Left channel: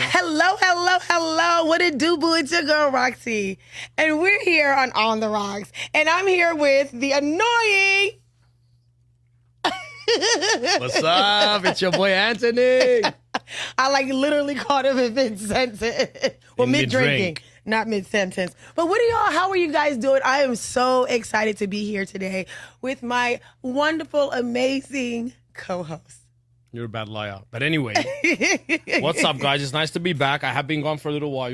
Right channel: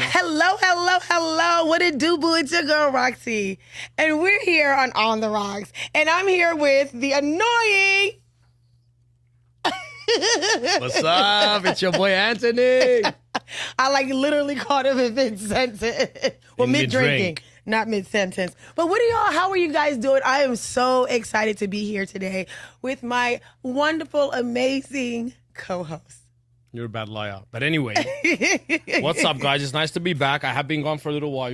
Hello, hello, hello. What it do, boo? It's your girl, Roxy. And we're here on the Rocks. And I'm here with the annoying... What's up? It's your boy, Antony. I literally called him in mid-sentence. Well, mid-drinking, not mid-sentence. But how are you guys doing? I am so excited to be here today with my wonderful, amazing co-host. You're a bad liar. But anyway, what's up, guys? It's nice to be back. I have been gone for a little while.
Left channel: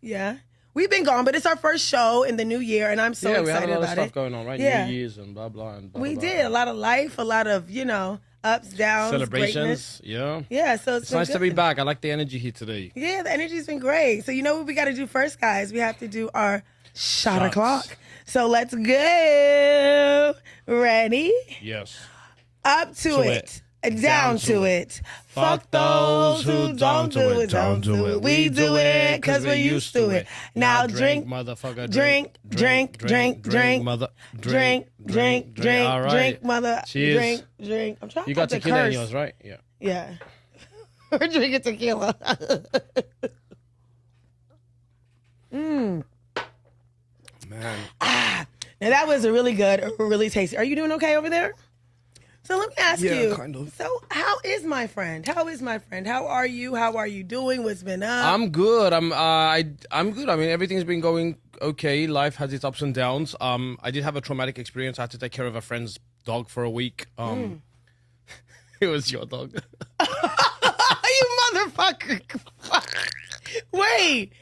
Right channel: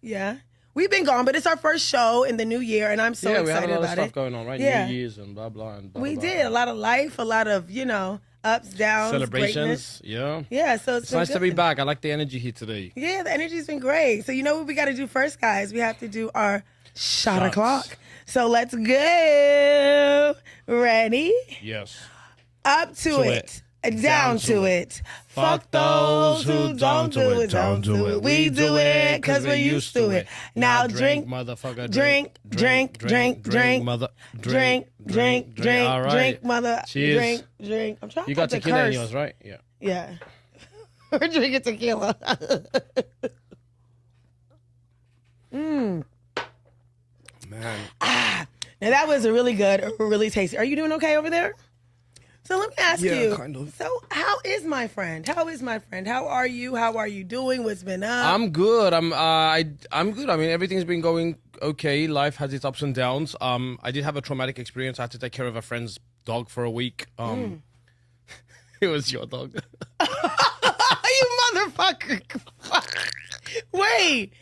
Yeah. We've been gone, but it's our first show in the new year, and I'm so excited about it. Yeah, we had a lot of stuff going on, right? Yeah. New Year's and blah, blah, and blah, We blah, did. blah. A lot of life, a lot of, ups, downs, Celebrations, greatness. yeah. Yeah, so It's nice to be back. I like the energy here today. Yeah, the energy's been great. So you know what we got to do first, guys? We have to do our shot o'clock. So let's go. Ready? Yes. Up to it. Down to it. Fuck those who don't do it, don't do it. We do it because we're used to it. Now drink, motherfucker. drink, Mother. drink, All right. drink, mother. Cheers. Drink. I'm trying You to got the tequila in curse. yours, right? Yeah. Yeah. We're drinking tequila. Man. Now that was really good, really tasty. Are you doing okay over there? So let me ask you. Kind of. So how is my friend? How are you? How are you doing? What's been up? I'm good. I'm good. I mean, everything's been going okay. Life has its ups and downs. I did have a traumatic experience. I had to take care of a friend's dog for a week. It was your dog. You motherfucker. Wait.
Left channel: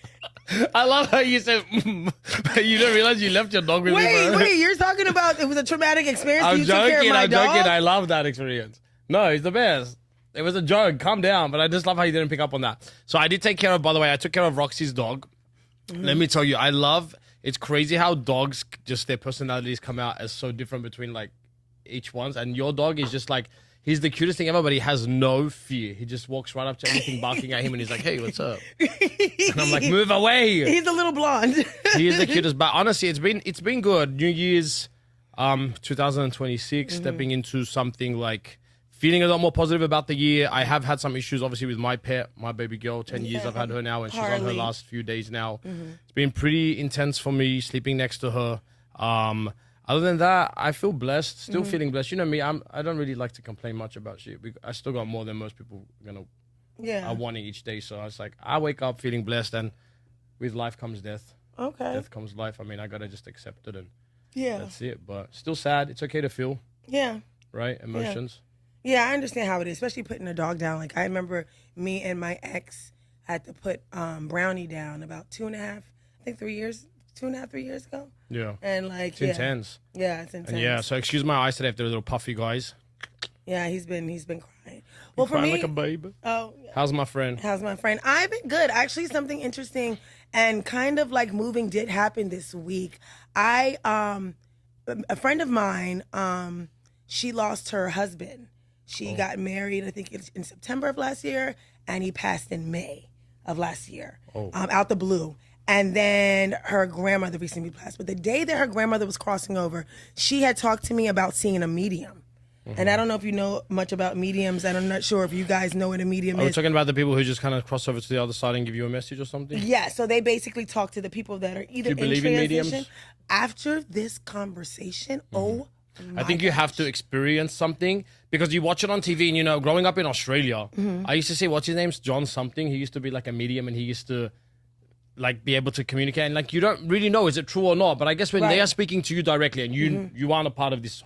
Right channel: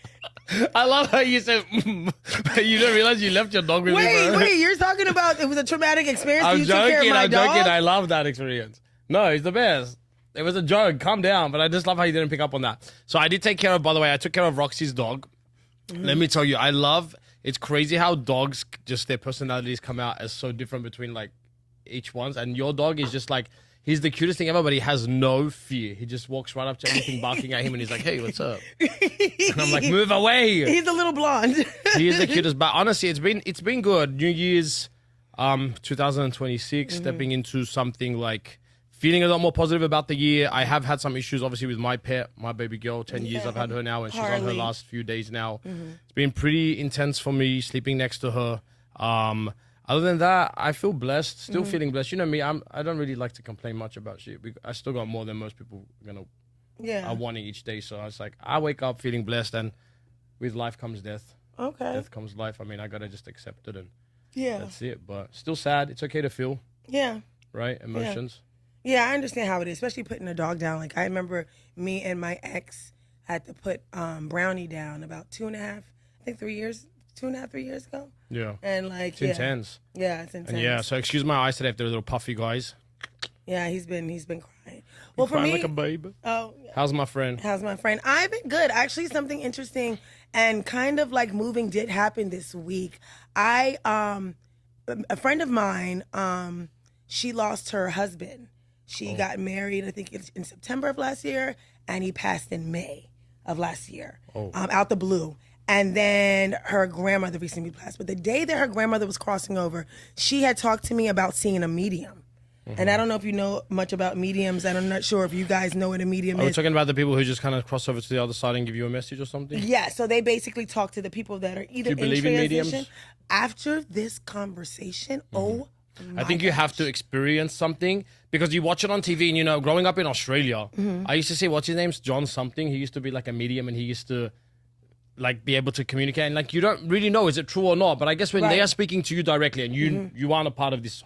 I love how you said, you don't realize you left your dog with me. Wait, you're talking about it was a traumatic experience. I'm You took care of joking, my dog? I love that experience. No, it's the best. It was a joke. Calm down. But I just love how you didn't pick up on that. So I did take care of, by the way, I took care of Roxy's dog. Let me tell you, it's crazy how dogs, just their personalities come out as so different between like each one's. And your dog is just like, he's the cutest thing ever, but he has no fear. He just walks right up to anything barking at him and he's like, hey, what's up? And I'm like, move away. He's a little blonde. He is the cutest. But honestly, it's been good. New Year's 2026, stepping into something like feeling a lot more positive about the year. I have had some issues, obviously, with my pet, my baby girl. 10 years I've had her now, and she's on her last few days now. It's been pretty intense for me, sleeping next to her. Other than that, I feel blessed, still feeling blessed. You know me, I don't really like to complain much about shit. I still got more than most people, are wanting each day. So it's like, I wake up feeling blessed, and with life comes death. Okay. Death comes life. I mean, I got to just accept it, and that's it. But still sad. It's okay to feel. Yeah. Right? Emotions. Yeah, I understand how it is, especially putting a dog down. Like, I remember me and my ex had to put Brownie down about 3 years ago. Yeah. And like, it's intense. Yeah, it's intense. And yeah, so excuse my eyes today if they're a little puffy, guys. Yeah, he's been crying. Well, for me, like a baby. Oh, how's my friend? I've been good. Actually, something interesting and kind of like moving did happen this week. A friend of mine, she lost her husband. She got married, I think it's in September of last year, and he passed in May of last year, out the blue. And then her grandmother recently passed. But the day that her grandmother was crossing over, she had talked to me about seeing a medium. And I don't know if you know much about mediums, and I'm not sure if you guys know what a medium Are we is. talking about the people who just kind of cross over to the other side and give you a message or something? Yeah, so they basically talk to the people that are either Do you in believe in transition. mediums? After this conversation, I think you have to experience something because you watch it on TV and, growing up in Australia, I used to say, what's his name's John something. He used to be like a medium and he used to like be able to communicate and like you don't really know is it true or not, but I guess when they are speaking to you directly and you aren't a part of this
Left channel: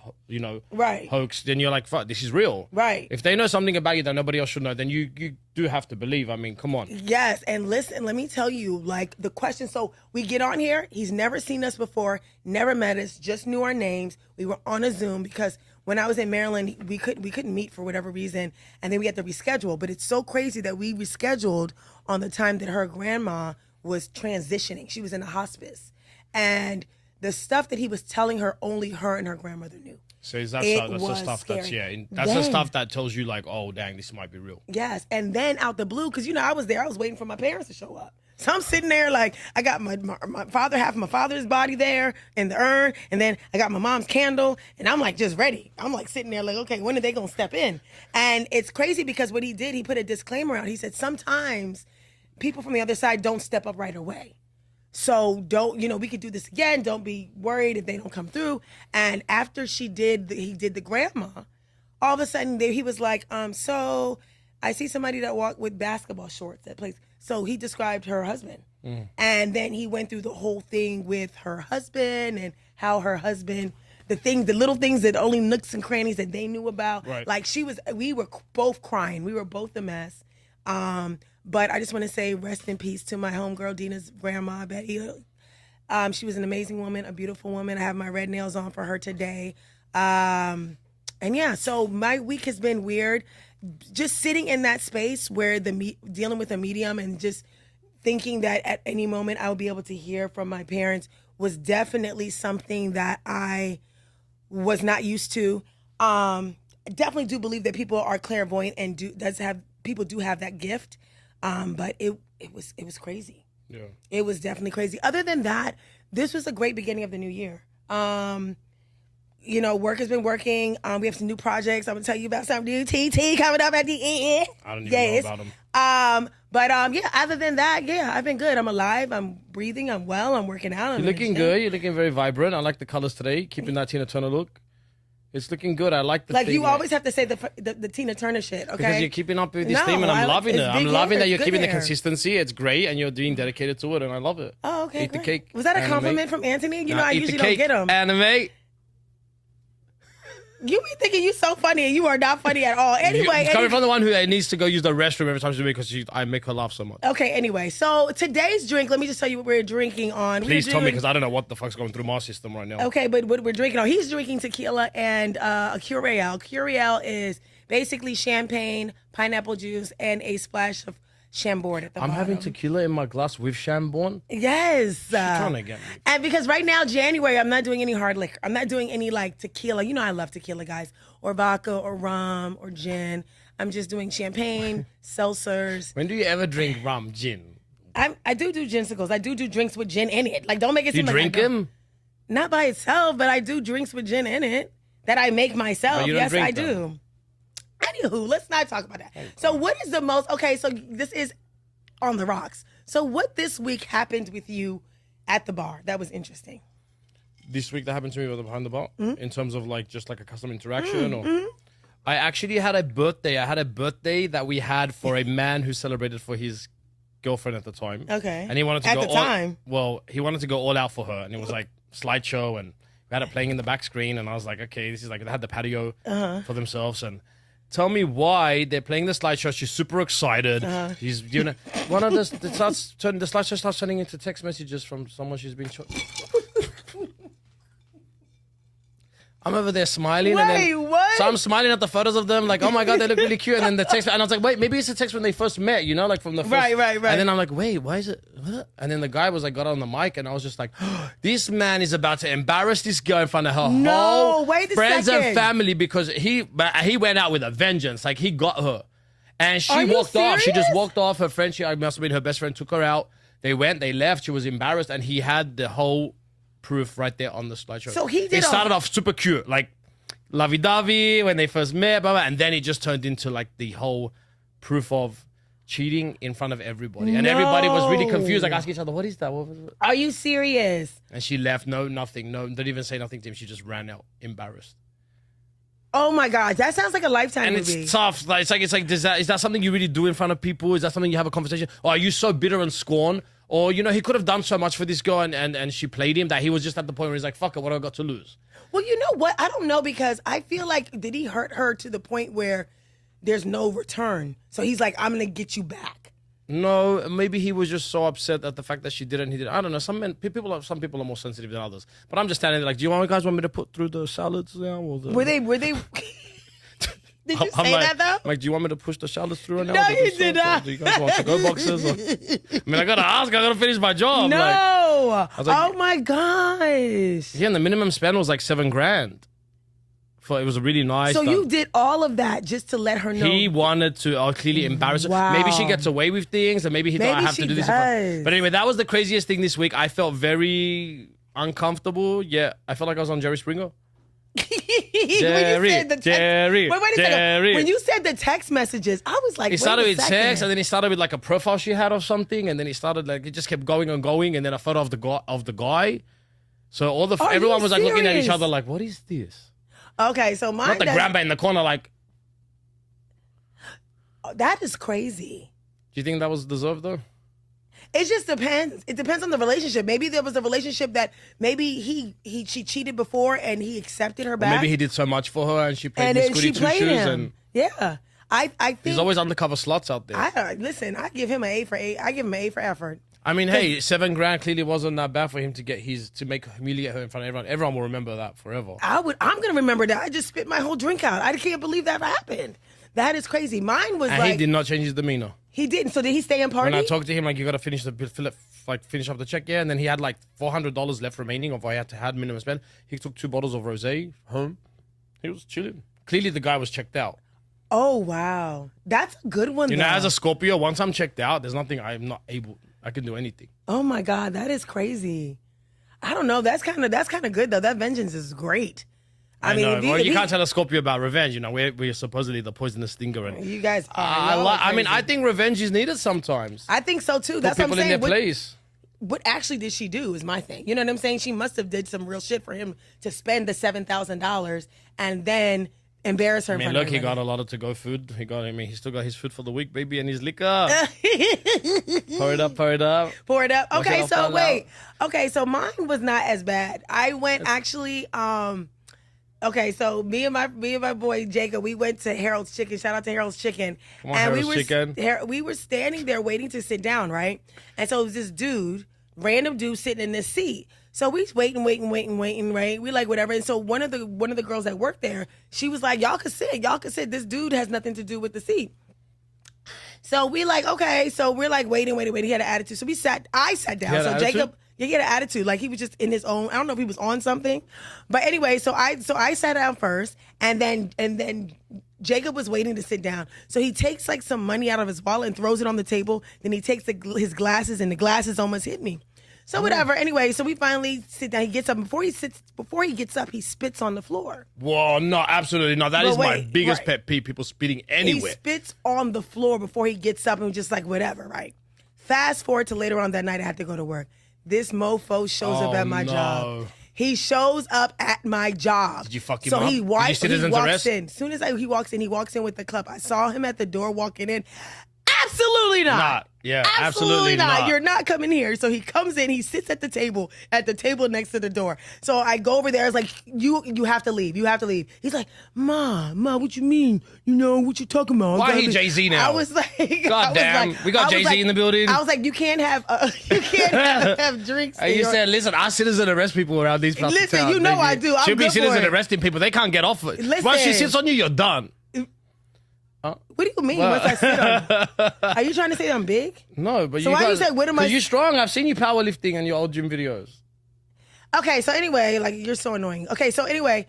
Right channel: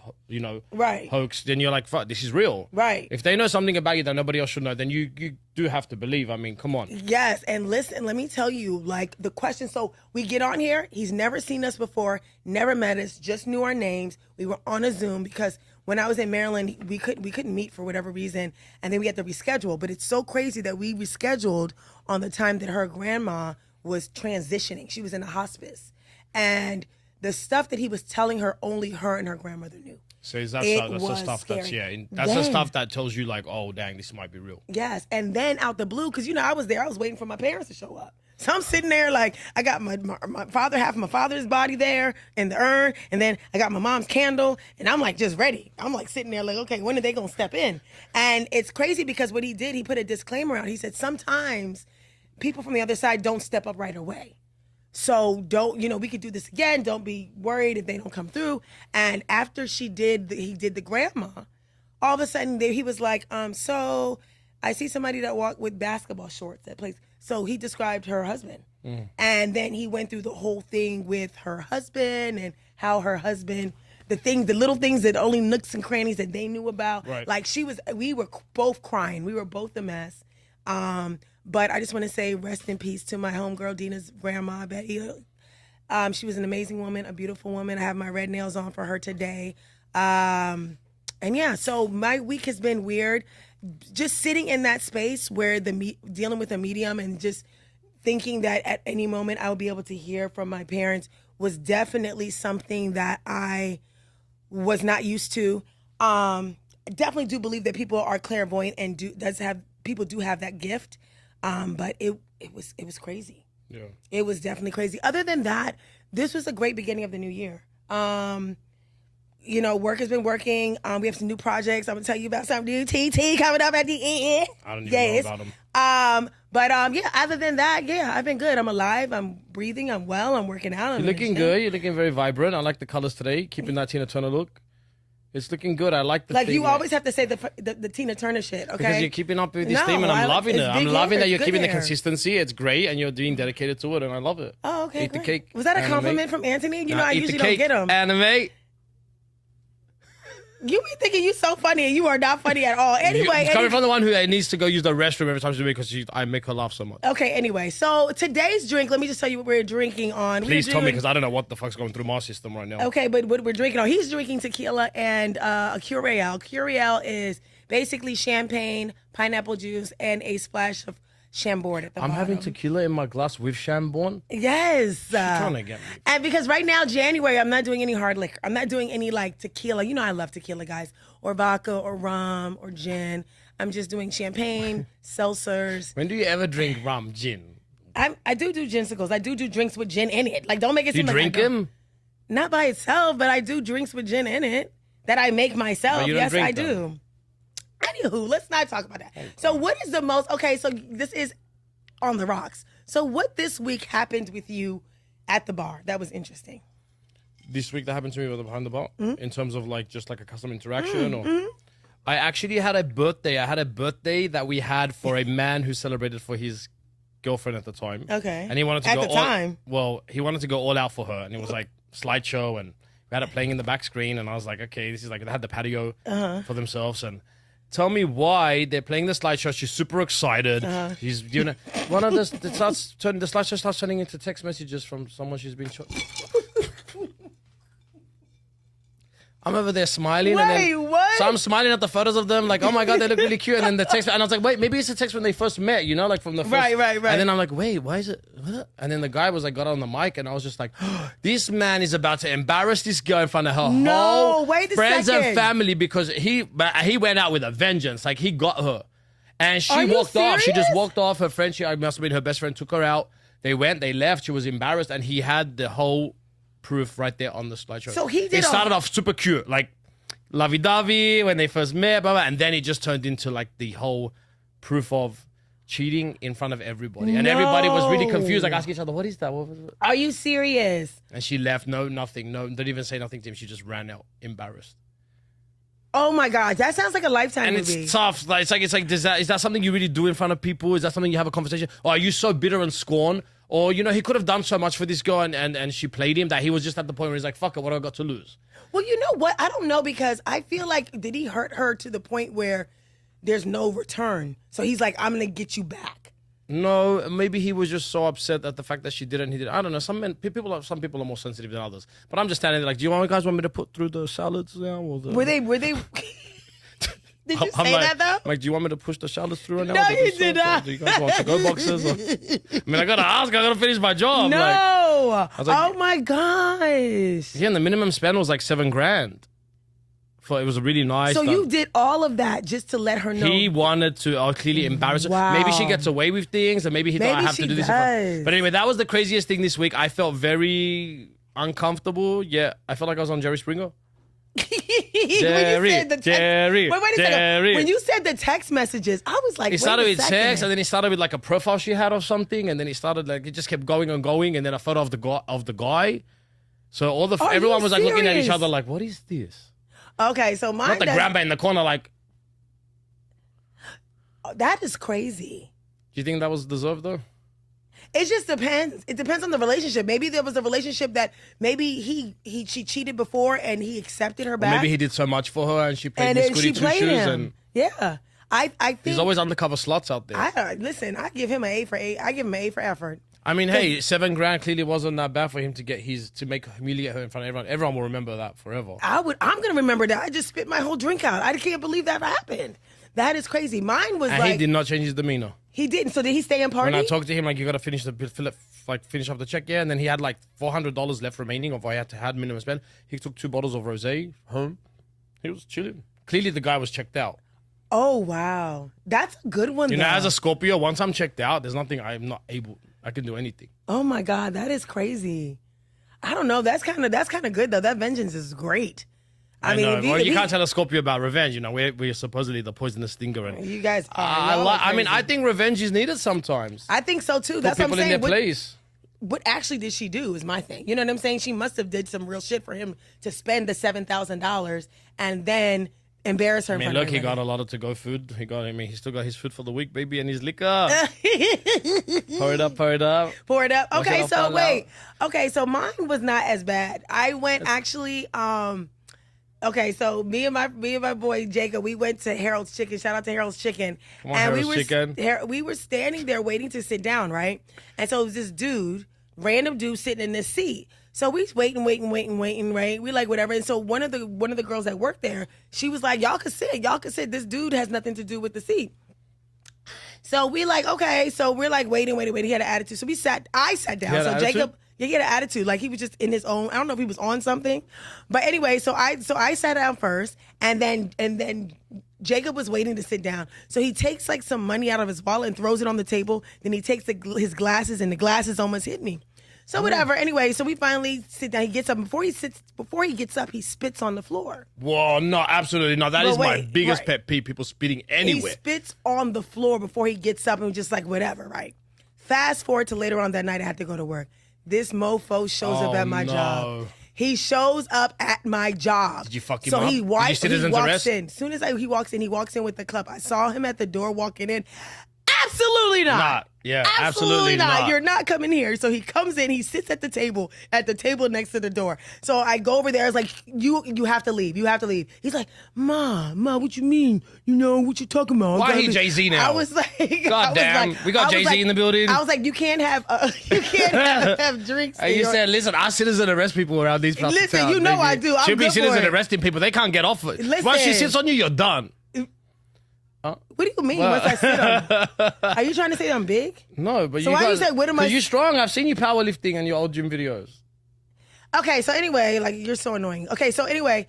hoax, then you're like, fuck, this is real. Right. If they know something about you that nobody else should know, then you do have to believe. I mean, come on. Yes, and listen, let me tell you, like the question, so we get on here, he's never seen us before, never met us, just knew our names. We were on a Zoom because when I was in Maryland, we couldn't meet for whatever reason, and then we had to reschedule. But it's so crazy that we rescheduled on the time that her grandma was transitioning. She was in a hospice. And the stuff that he was telling her, only her and her grandmother knew. So that's the stuff scary. That's the stuff that tells you like, oh, dang, this might be real. Yes. And then out the blue, because, I was there, I was waiting for my parents to show up. So I'm sitting there like, I got my father, half of my father's body there in the urn, and then I got my mom's candle, and I'm like just ready. I'm like sitting there like, okay, when are they going to step in? And it's crazy because what he did, he put a disclaimer out. He said, sometimes people from the other side don't step up right away. So don't, we could do this again. Don't be worried if they don't come through. And after he did the grandma, all of a sudden he was like, so I see somebody that walked with basketball shorts that plays. So he described her husband. And then he went through the whole thing with her husband and how her husband, the little things that only nooks and crannies that they knew about. Right. Like we were both crying. We were both a mess. But I just want to say rest in peace to my homegirl, Dina's grandma, Betty. She was an amazing woman, a beautiful woman. I have my red nails on for her today. And yeah, so my week has been weird. Just sitting in that space where dealing with a medium and just thinking that at any moment I'll be able to hear from my parents was definitely something that I was not used to. I definitely do believe that people are clairvoyant and people do have that gift. But it was crazy. Yeah. It was definitely crazy. Other than that, this was a great beginning of the new year. Work has been working. We have some new projects. I'm gonna tell you about some new TT coming up at the end. I don't even know about them. Yeah, other than that, yeah, I've been good. I'm alive. I'm breathing. I'm well. I'm working out. You're looking good. You're looking very vibrant. I like the colors today. Keeping that Tina Turner look. It's looking good. I like the theme. You always have to say the Tina Turner shit, okay? Because you're keeping up with this theme, and I'm loving it. I'm loving that you're keeping the hair. Consistency. It's great, and you're being dedicated to it, and I love it. Oh, okay. Eat the great. cake. Was that a anime. compliment from Antony? I Eat usually the don't cake, get them. Anime. You be thinking you so funny, and you are not funny at all. Anyway, Coming from the one who needs to go use the restroom every time she's doing it because I make her laugh so much. Okay, anyway, so today's drink, let me just tell you what we're drinking on. Please tell me, because I don't know what the fuck's going through my system right now. Okay, but what we're drinking on, he's drinking tequila and a Curiel. Curiel is basically champagne, pineapple juice, and a splash of Chambord at the bottom. I'm having tequila in my glass with Chambord. Yes. Trying to get me. And because right now, January, I'm not doing any hard liquor. I'm not doing any tequila. I love tequila, guys. Or vodka, or rum, or gin. I'm just doing champagne, seltzers. When do you ever drink rum, gin? I do ginsicles. I do drinks with gin in it. Don't make it seem You like drink them? Not by itself, but I do drinks with gin in it that I make myself. you don't Yes, drink I them. do. Anywho, let's not talk about that. Okay. So what is the most, okay, so this is on the rocks. So what this week happened with you at the bar that was interesting? This week that happened to me behind the bar, in terms of just a custom interaction, or I actually had a birthday. I had a birthday that we had for a man who celebrated for his girlfriend at the time. Okay. And he wanted to at go the time. he wanted to go all out for her, and it was slideshow, and we had it playing in the back screen, and I was like, okay, this is they had the patio for themselves, and tell me why they're playing the slideshow. She's super excited. She's doing it. One of the slideshow starts turning into text messages from someone she's been. I'm over there smiling. Wait, and then, what? So I'm smiling at the photos of them, oh my God, they look really cute. And then the text, and I was like, wait, maybe it's a text when they first met, from the first. Right. And then I'm like, wait, why is it? What? And then the guy was got on the mic, and I was just like, this man is about to embarrass this girl in front of her whole friends and family, because he went out with a vengeance. He got her, and she walked off. She just walked off. Her friend, I must have been her best friend, took her out. They left. She was embarrassed, and he had the whole proof right there on the slideshow. So It started off super cute, lovey-dovey when they first met, blah, blah, and then it just turned into the whole proof of cheating in front of everybody. And everybody was really confused, asking each other, what is that? What was it? Are you serious? And she left, nothing, didn't even say nothing to him. She just ran out, embarrassed. Oh my God, that sounds like a Lifetime And movie. it's tough. Is that something you really do in front of people? Is that something you have a conversation? Or are you so bitter and scorn? Or, he could have done so much for this girl, and she played him, that he was just at the point where he's like, fuck it, what have I got to lose? Well, you know what? I don't know, because I feel did he hurt her to the point where there's no return? So he's like, I'm going to get you back. No, maybe he was just so upset at the fact that she didn't. He did. I don't know. Some people are more sensitive than others. But I'm just standing there do you guys want me to put through the salads now? Were they? Did you say that though? Do you want me to push the shallots through right now? No, you did not. Do you guys want to-go boxes? I gotta ask. I gotta finish my job. No. Oh my gosh. Yeah, and the minimum spend was $7,000. It was really nice. So you did all of that just to let her know. He wanted to clearly embarrass her. Wow. Maybe she gets away with things, and maybe he thought I have to do this. Does. But anyway, that was the craziest thing this week. I felt very uncomfortable. Yeah, I felt like I was on Jerry Springer. Jerry, Wait a Jerry. second. When you said the text messages, I was like, He started with sex, and then he started with like a profile she had or something, and then he started like it just kept going and going, and then a photo of the guy. So everyone was like looking at each other like, what is this? Okay, so mine. Not the grandpa in the corner like. That is crazy. Do you think that was deserved though? It just depends. It depends on the relationship. Maybe there was a relationship that maybe she cheated before and he accepted her back. Or maybe he did so much for her and she played his goody two shoes. And yeah, I think there's always undercover slots out there. Listen, I give him an A for A. I give him an A for effort. I mean, hey, $7,000 clearly wasn't that bad for him to humiliate her in front of everyone. Everyone will remember that forever. I'm gonna remember that. I just spit my whole drink out. I can't believe that happened. That is crazy. Mine was and he did not change his demeanor. He didn't. So did he stay in party? When I talked to him, like, you gotta finish off the check, yeah. And then he had like $400 left remaining of what I had minimum spend. He took 2 bottles of rosé home. He was chilling. Clearly, the guy was checked out. Oh wow, that's a good one. You know, as a Scorpio, once I'm checked out, there's nothing I can do anything. Oh my God, that is crazy. I don't know. That's kind of good though. That vengeance is great. I mean, you can't tell a Scorpio about revenge. You know, we're supposedly the poisonous stinger. And you guys. I think revenge is needed sometimes. I think so too. That's what I'm saying. People in their place. What actually did she do is my thing. You know what I'm saying? She must have did some real shit for him to spend the $7,000 and then embarrass her. I mean, look, he got a lot of to-go food. He still got his food for the week, baby, and his liquor. Pour it up. Pour it up. Okay, so wait. Okay, so mine was not as bad. I went actually. Okay, so me and my boy Jacob, we went to Harold's Chicken. Shout out to Harold's Chicken. We were standing there waiting to sit down, right? And so it was this random dude sitting in this seat. So we waiting, right? We like whatever. And so one of the girls that worked there, she was like, y'all can sit. This dude has nothing to do with the seat. So we like, okay. So we're like waiting. He had an attitude. So I sat down. So Jacob. Yeah, he had an attitude, like he was just in his own. I don't know if he was on something, but anyway. So I sat down first, and then Jacob was waiting to sit down. So he takes like some money out of his wallet and throws it on the table. Then he takes his glasses, and the glasses almost hit me. So whatever. Anyway, so we finally sit down. He gets up. Before he gets up, he spits on the floor. Whoa, no, absolutely not. That is my biggest pet peeve. People spitting anywhere. He spits on the floor before he gets up, and just like whatever, right? Fast forward to later on that night, I had to go to work. This mofo shows up at my job. He shows up at my job. Did you fuck him so up? He walks in. As soon as he walks in with the club. I saw him at the door walking in. Absolutely not. Yeah, absolutely not. You're not coming here. So he comes in, he sits at the table next to the door. So I go over there. It's like, you have to leave. You have to leave. He's like, Ma, what you mean? You know, what you talking about? Why he Jay-Z now? I was like, God damn. We got Jay-Z in the building. I was like, you can't have have drinks. And you said, listen, our citizens arrest people around these places. Listen, you know I do. Should be citizens arresting people. They can't get off it. Listen. Once she sits on you, you're done. What do you mean? Once I sit on? Are you trying to say I'm big? No, but so why you say what am I? You're strong. I've seen you powerlifting in your old gym videos. Okay, so anyway, like you're so annoying. Okay, so anyway,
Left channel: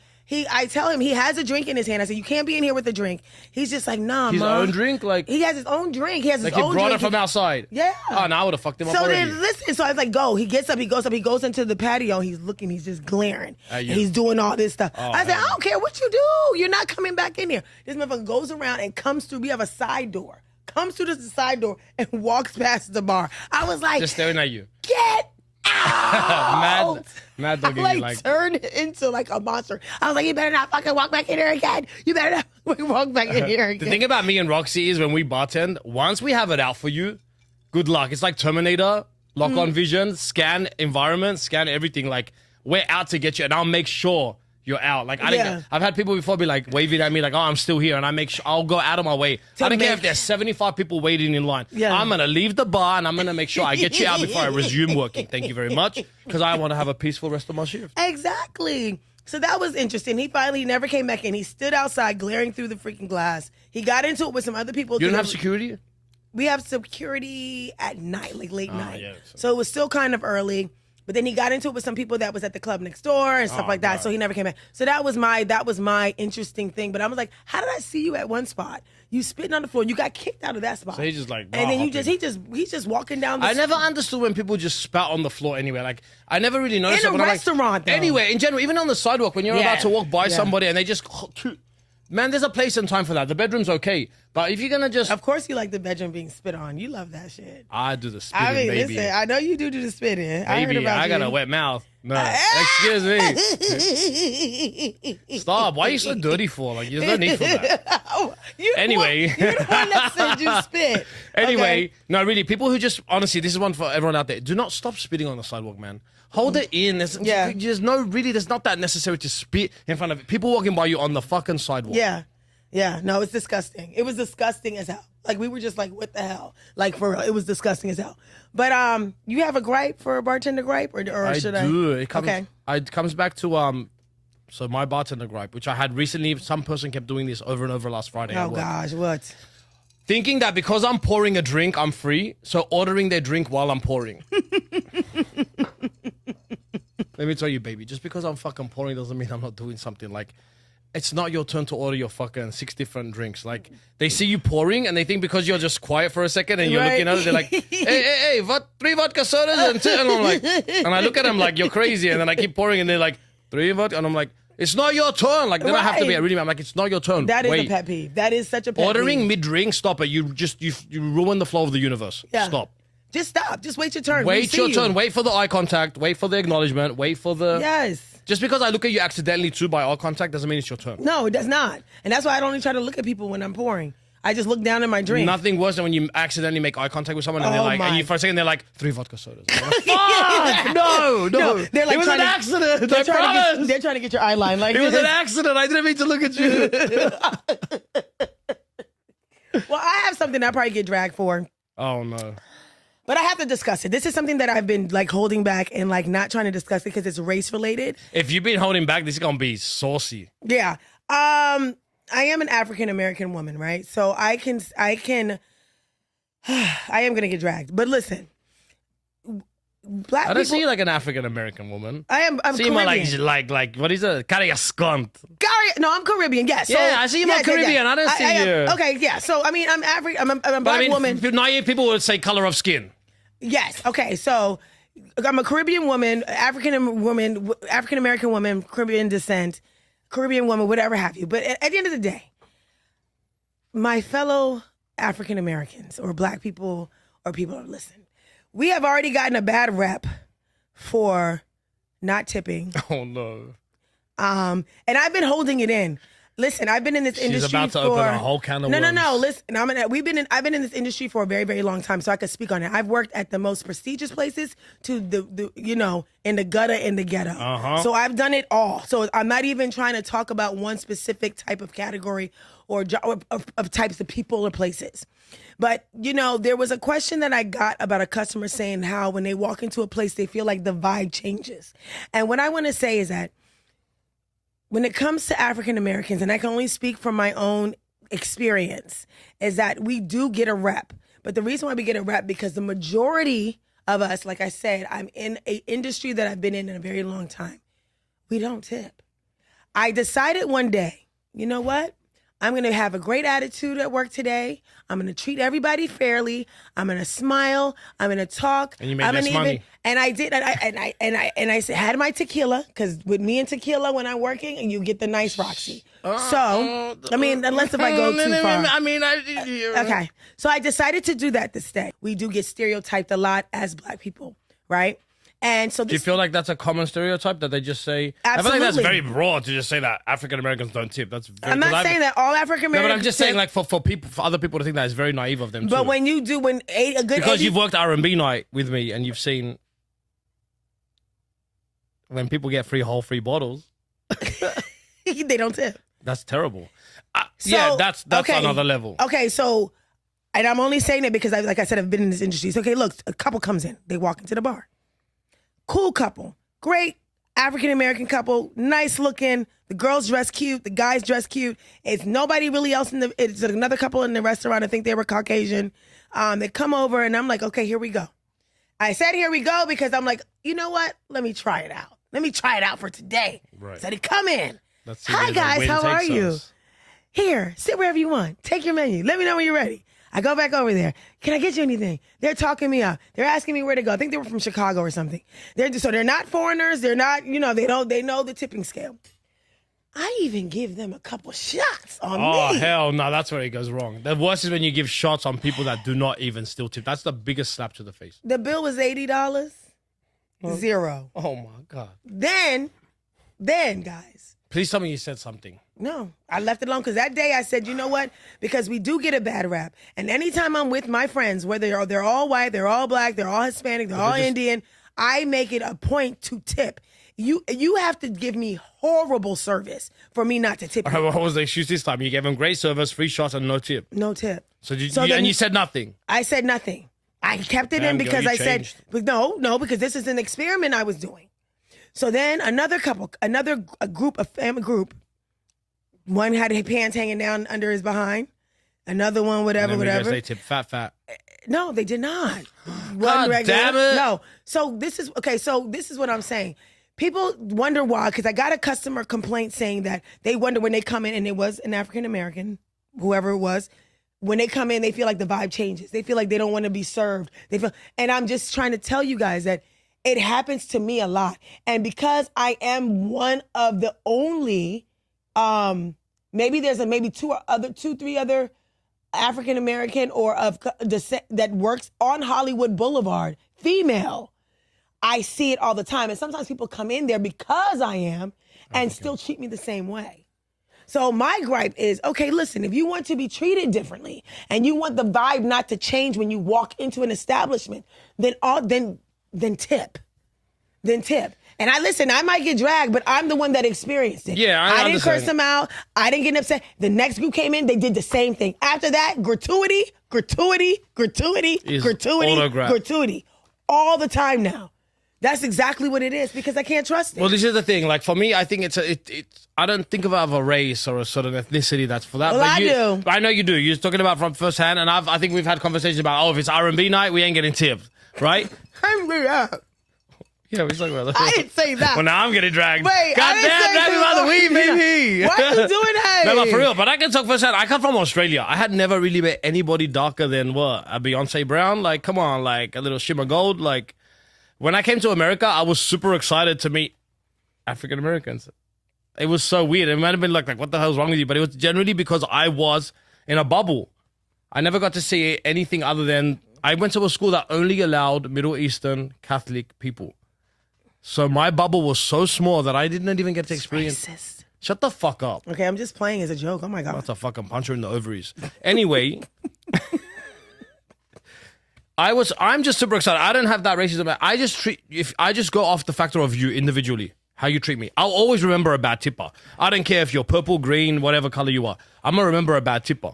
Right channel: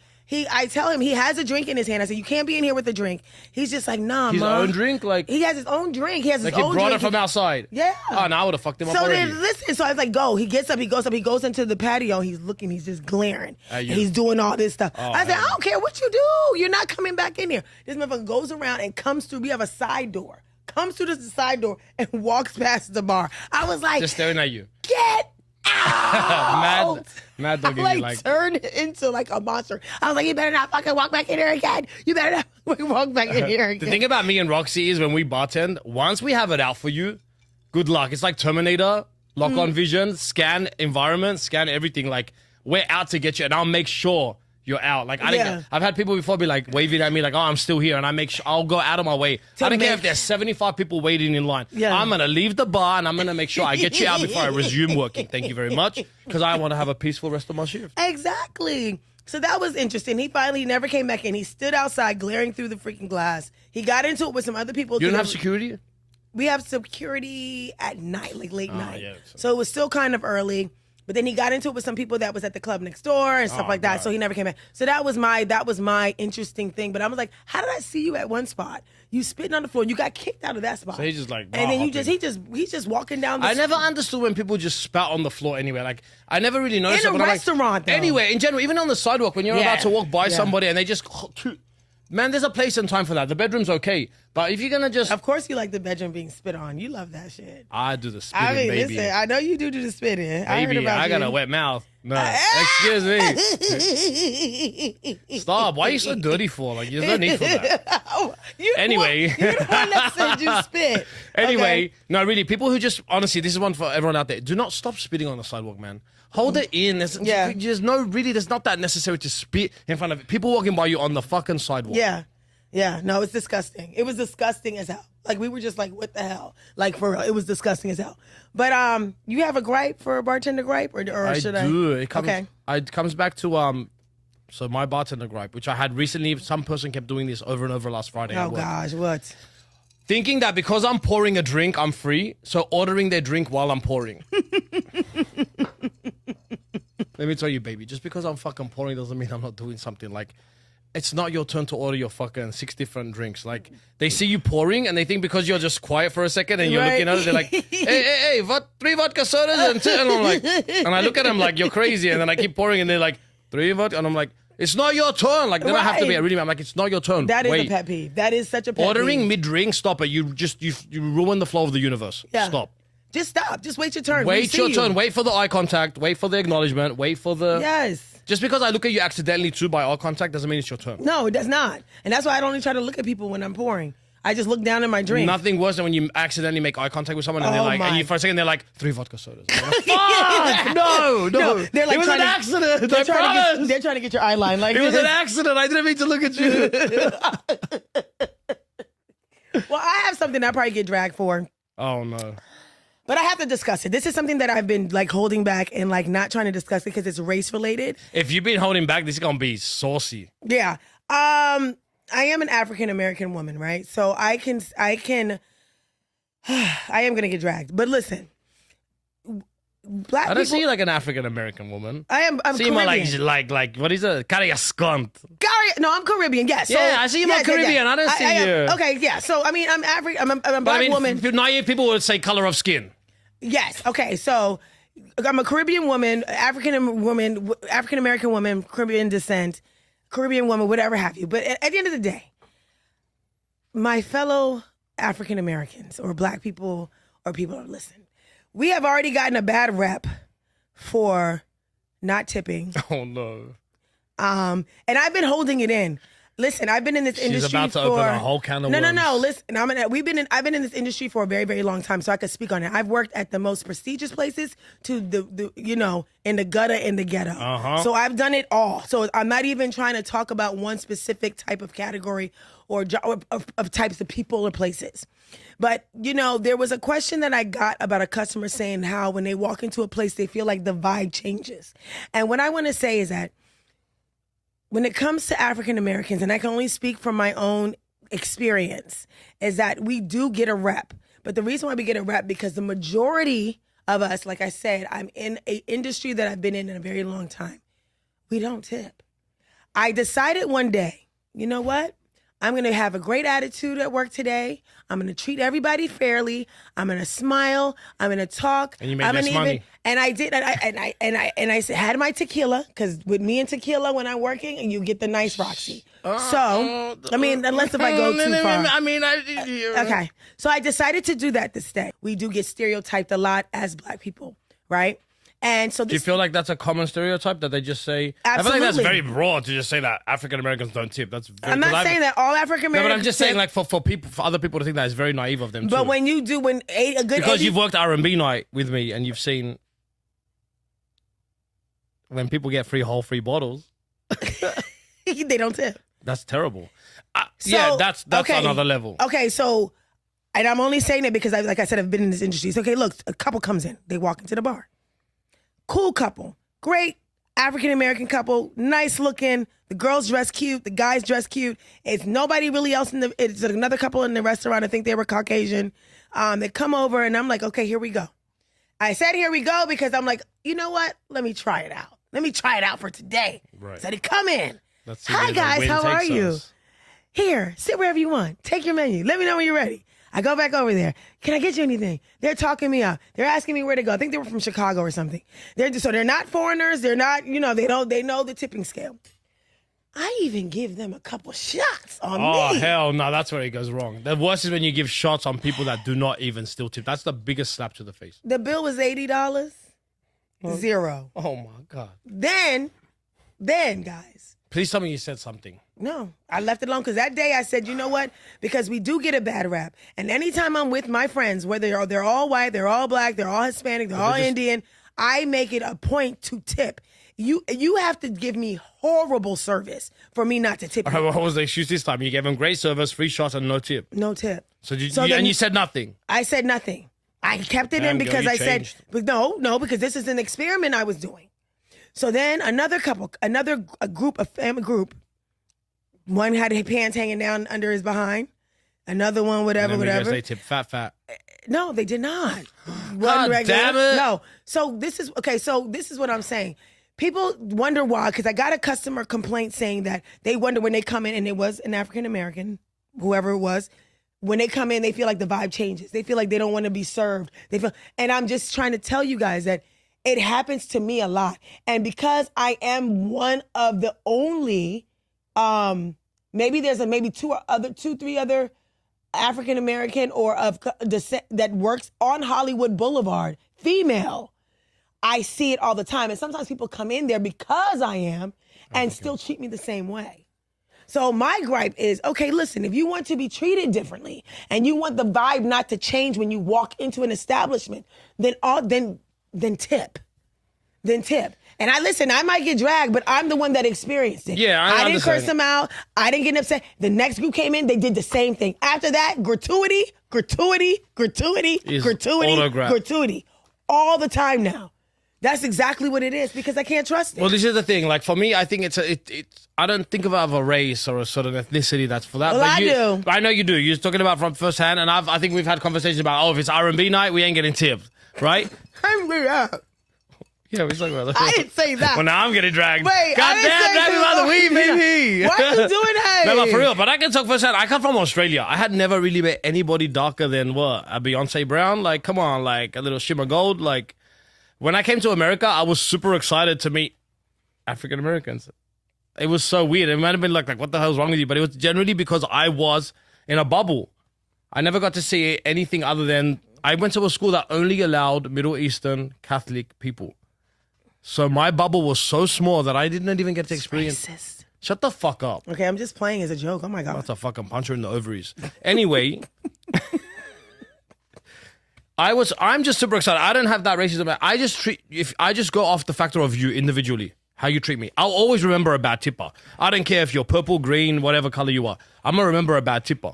I tell him he has a drink in his hand. I said, you can't be in here with a drink. He's just like, nah, His Mom. own drink? Like he has his own drink. He has his like own he brought drink. it from outside. Yeah. Oh, no, I would have fucked him up so already. Then, listen, so I was like, go. He gets up, he goes into the patio. He's looking, he's just glaring. Yeah. And he's doing all this stuff. Oh, I said, I don't care what you do. You're not coming back in here. This motherfucker goes around and comes through. We have a side door. Comes through the side door and walks past the bar. I was like, just staring at you. Get out! mad doggy. Like turned into like a monster. I was like, you better not fucking walk back in here again. You better not fucking walk back in here again. The thing about me and Roxy is when we bartend, once we have it out for you, good luck. It's like Terminator, lock on vision, scan environment, scan everything. Like we're out to get you, and I'll make sure you're out. Like I've had people before be like waving at me like, oh, I'm still here, and I make sure I'll go out of my way. I don't care if there's 75 people waiting in line. Yeah. I'm gonna leave the bar and I'm gonna make sure I get you out before I resume working. Thank you very much, because I want to have a peaceful rest of my shift. Exactly. So that was interesting. He finally never came back in. He stood outside glaring through the freaking glass. He got into it with some other people. You don't have security? We have security at night, like late night. Yeah, so it was still kind of early. But then he got into it with some people that was at the club next door and stuff like that. So he never came back. So that was my interesting thing. But I was like, how did I see you at one spot? You spitting on the floor. You got kicked out of that spot. So he's just like, and then he's just walking down the I never understood when people just spat on the floor anyway. Like, I never really noticed in a restaurant, though. Anyway, in general, even on the sidewalk, when you're about to walk by somebody and they just... Man, there's a place and time for that. The bedroom's okay. But if you're going to just... Of course you like the bedroom being spit on. You love that shit. I do the spitting, baby. Listen, I know you do the spitting. Baby, I heard about I got a wet mouth. No, excuse me. Stop. Why are you so dirty for? Like, there's no need for that. Anyway. You're the one that said you spit. Anyway, okay. No, really, people who just... Honestly, this is one for everyone out there. Do not stop spitting on the sidewalk, man. Hold it in. There's not that necessary to spit in front of people walking by you on the fucking sidewalk. Yeah, no, it's disgusting. It was disgusting as hell. Like, we were just like, what the hell? Like, for real, it was disgusting as hell. But you have a gripe for a bartender gripe? Or should I? Do. It comes back to, so my bartender gripe, which I had recently. Some person kept doing this over and over last Friday. Oh, gosh, what? Thinking that because I'm pouring a drink, I'm free. So ordering their drink while I'm pouring. Let me tell you, baby, just because I'm fucking pouring doesn't mean I'm not doing something. Like, it's not your turn to order your fucking 6 different drinks. Like, they see you pouring and they think because you're just quiet for a second and you're looking at it, they're like, hey, 3 vodka sodas and 2. And I'm like, and I look at them like, you're crazy. And then I keep pouring and they're like, 3 vodka. And I'm like, it's not your turn. Like, then I have to be really mad. I'm like, it's not your turn. That is a pet peeve. That is such a pet peeve. Ordering mid-drink, stop it. You ruin the flow of the universe. Yeah. Stop. Just stop. Just wait your turn. Wait your turn. Wait for the eye contact. Wait for the acknowledgement. Wait for the... Yes. Just because I look at you accidentally too by eye contact doesn't mean it's your turn. No, it does not. And that's why I don't even try to look at people when I'm pouring. I just look down at my drink. Nothing worse than when you accidentally make eye contact with someone and they're like, and you for a second they're like, 3 vodka sodas. Like, fuck! No. They're like, it was an accident. They're trying to get your eye line. Like, it was an accident. I didn't mean to look at you. Well, I have something I probably get dragged for. Oh no. But I have to discuss it. This is something that I've been like holding back and like not trying to discuss it because it's race related. If you've been holding back, this is gonna be saucy. Yeah. I am an African American woman, right? So I am gonna get dragged. But listen, black I don't people, see you like an African American woman. I'm see Caribbean. You like what is it? Carry a skunt. No, I'm Caribbean. Yes. Yeah, so, I see you Caribbean. Yeah. I don't see you. Okay, yeah. So I mean, I'm African. I'm a black woman. Naive people would say color of skin. Yes. Okay. So I'm a Caribbean woman, African American woman, Caribbean descent, Caribbean woman, whatever have you. But at the end of the day, my fellow African Americans or black people or people that listen, we have already gotten a bad rep for not tipping. Oh no. And I've been holding it in. Listen, I've been in this industry about to for open a whole can of worms. No. Listen, I've been in this industry for a very, very long time, so I could speak on it. I've worked at the most prestigious places to the in the gutter, in the ghetto. So I've done it all. So I'm not even trying to talk about one specific type of category or of types of people or places. But there was a question that I got about a customer saying how when they walk into a place they feel like the vibe changes, and what I want to say is that when it comes to African Americans, and I can only speak from my own experience, is that we do get a rep. But the reason why we get a rep because the majority of us, like I said, I'm in an industry that I've been in a very long time. We don't tip. I decided one day, you know what? I'm going to have a great attitude at work today. I'm going to treat everybody fairly. I'm going to smile. I'm going to talk. And you make less money. And I did. And I had my tequila, because with me and tequila when I'm working, and you get the nice Roxy. So, I mean, unless if I go too far. Okay. So I decided to do that this day. We do get stereotyped a lot as black people, right? And so do you feel like that's a common stereotype that they just say? Absolutely. I feel like that's very broad to just say that African Americans don't tip. I'm not saying that all African Americans. No, but I'm just saying, like for other people to think that it's very naive of them. But too. when you do, because you've worked R&B night with me and you've seen when people get free bottles, they don't tip. That's terrible. That's okay. Another level. Okay, so, and I'm only saying that because, like I said, I've been in this industry. So, okay, look, a couple comes in. They walk into the bar. Cool couple. Great African-American couple. Nice looking. The girls dress cute. The guys dress cute. It's nobody really else it's another couple in the restaurant. I think they were Caucasian. They come over and I'm like, okay, here we go. I said, here we go, because I'm like, you know what? Let me try it out. Let me try it out for today. Right. Said, come in. Let's see Hi, where the guys. wind How are takes you? us. Here, sit wherever you want. Take your menu. Let me know when you're ready. I go back over there. Can I get you anything? They're talking me up. They're asking me where to go. I think they were from Chicago or something. So they're not foreigners. They're not, they know the tipping scale. I even give them a couple shots on me. Oh, hell no, that's where it goes wrong. The worst is when you give shots on people that do not even still tip. That's the biggest slap to the face. The bill was $80. Zero. Oh, my God. Then, guys. Please tell me you said something. No, I left it alone because that day I said, you know what? Because we do get a bad rap. And anytime I'm with my friends, whether they're all white, they're all black, they're all Hispanic, they're all Indian, I make it a point to tip. You have to give me horrible service for me not to tip you. What was the excuse this time? You gave him great service, free shots, and no tip. No tip. So then you said nothing. I said nothing. I kept it in because I said, but no, because this is an experiment I was doing. So then a family group, one had his pants hanging down under his behind, another one, whatever. They tip fat. No, they did not. God damn it. No. So this is what I'm saying. People wonder why, because I got a customer complaint saying that they wonder when they come in, and it was an African American, whoever it was. When they come in, they feel like the vibe changes. They feel like they don't want to be served. And I'm just trying to tell you guys that it happens to me a lot. And because I am one of the only, maybe there's two, three other African American or of descent that works on Hollywood Boulevard, female, I see it all the time. And sometimes people come in there because I am and still treat me the same way. So my gripe is, okay, listen, if you want to be treated differently and you want the vibe not to change when you walk into an establishment, then tip. Then tip. And I might get dragged, but I'm the one that experienced it. Yeah, I didn't curse them out. I didn't get upset. The next group came in, they did the same thing. After that, gratuity. All the time now. That's exactly what it is, because I can't trust it. Well, this is the thing. Like, for me, I think I don't think of it as a race or a sort of ethnicity that's for that. Well, but I do. I know you do. You're talking about from first hand, and I think we've had conversations about, if it's R&B night, we ain't getting tipped, right? Yeah, we talking about that. I didn't say that. Well, now I'm getting dragged. Wait, God damn, drag me by the weed, baby. Why are you doing that? No, but for real, but I can talk first hand. I come from Australia. I had never really met anybody darker than, a Beyonce Brown. Like, come on, like, a little shimmer gold, like... When I came to America, I was super excited to meet African Americans. It was so weird. It might have been like, what the hell's wrong with you? But it was generally because I was in a bubble. I never got to see anything other than... I went to a school that only allowed Middle Eastern Catholic people. So my bubble was so small that I didn't even get to experience... Racist. Shut the fuck up. Okay, I'm just playing as a joke. Oh, my God. That's a fucking puncher in the ovaries. Anyway... I'm just super excited. I don't have that racism. I just go off the factor of you individually, how you treat me. I'll always remember a bad tipper. I don't care if you're purple, green, whatever color you are. I'm gonna remember a bad tipper.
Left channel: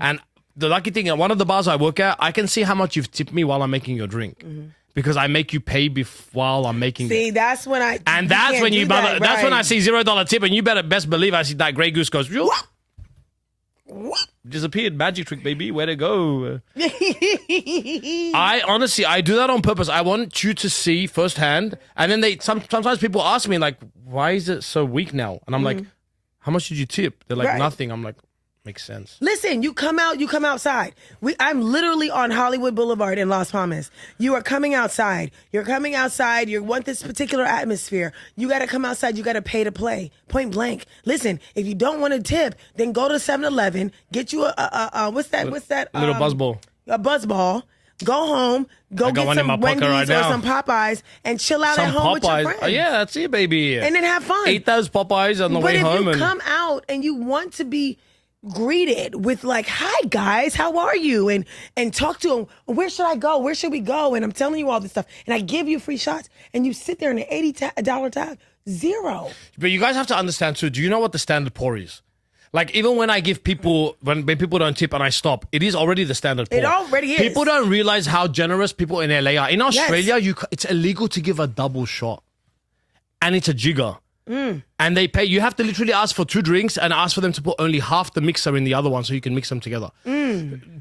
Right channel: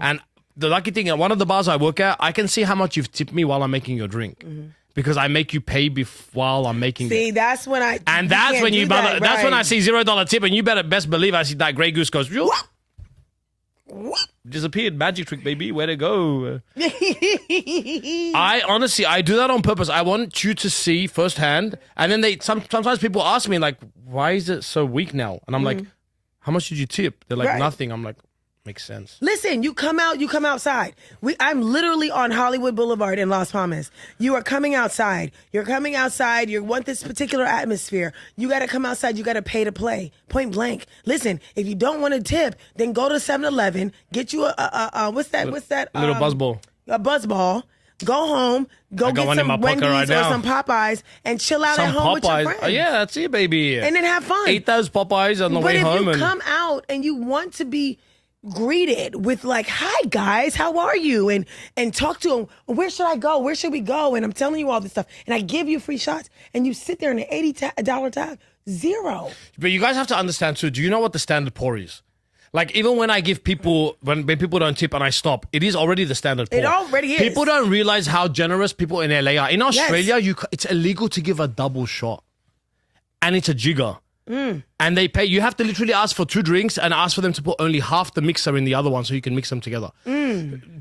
And the lucky thing, at one of the bars I work at, I can see how much you've tipped me while I'm making your drink. Because I make you pay while I'm making it. See, that's when I... And that's when that's when I see $0 tip, and you better best believe I see that Grey Goose goes... What? Disappeared. Magic trick, baby. Where to go? I do that on purpose. I want you to see firsthand. And then sometimes people ask me, like, why is it so weak now? And I'm like, how much did you tip? They're like, nothing. I'm like, makes sense. Listen, you come outside. I'm literally on Hollywood Boulevard in Las Palmas. You are coming outside. You're coming outside. You want this particular atmosphere. You got to come outside. You got to pay to play. Point blank. Listen, if you don't want to tip, then go to 7-Eleven, get you a what's that? A little buzzball. A buzzball. Go home, get some Wendy's or some Popeyes, and chill out at home with your friends. Oh, yeah, that's it, baby. And then have fun. Eat those Popeyes on the way home. But if you come out and you want to be greeted with like, hi guys, how are you? And talk to them, where should I go? Where should we go? And I'm telling you all this stuff. And I give you free shots. And you sit there in an $80 tab, zero. But you guys have to understand too, do you know what the standard pour is? Like, even when I give people, when people don't tip and I stop, it is already the standard pour. It already is. People don't realize how generous people in LA are. In Australia, it's illegal to give a double shot. And it's a jigger. And they pay. You have to literally ask for 2 drinks and ask for them to put only half the mixer in the other one so you can mix them together.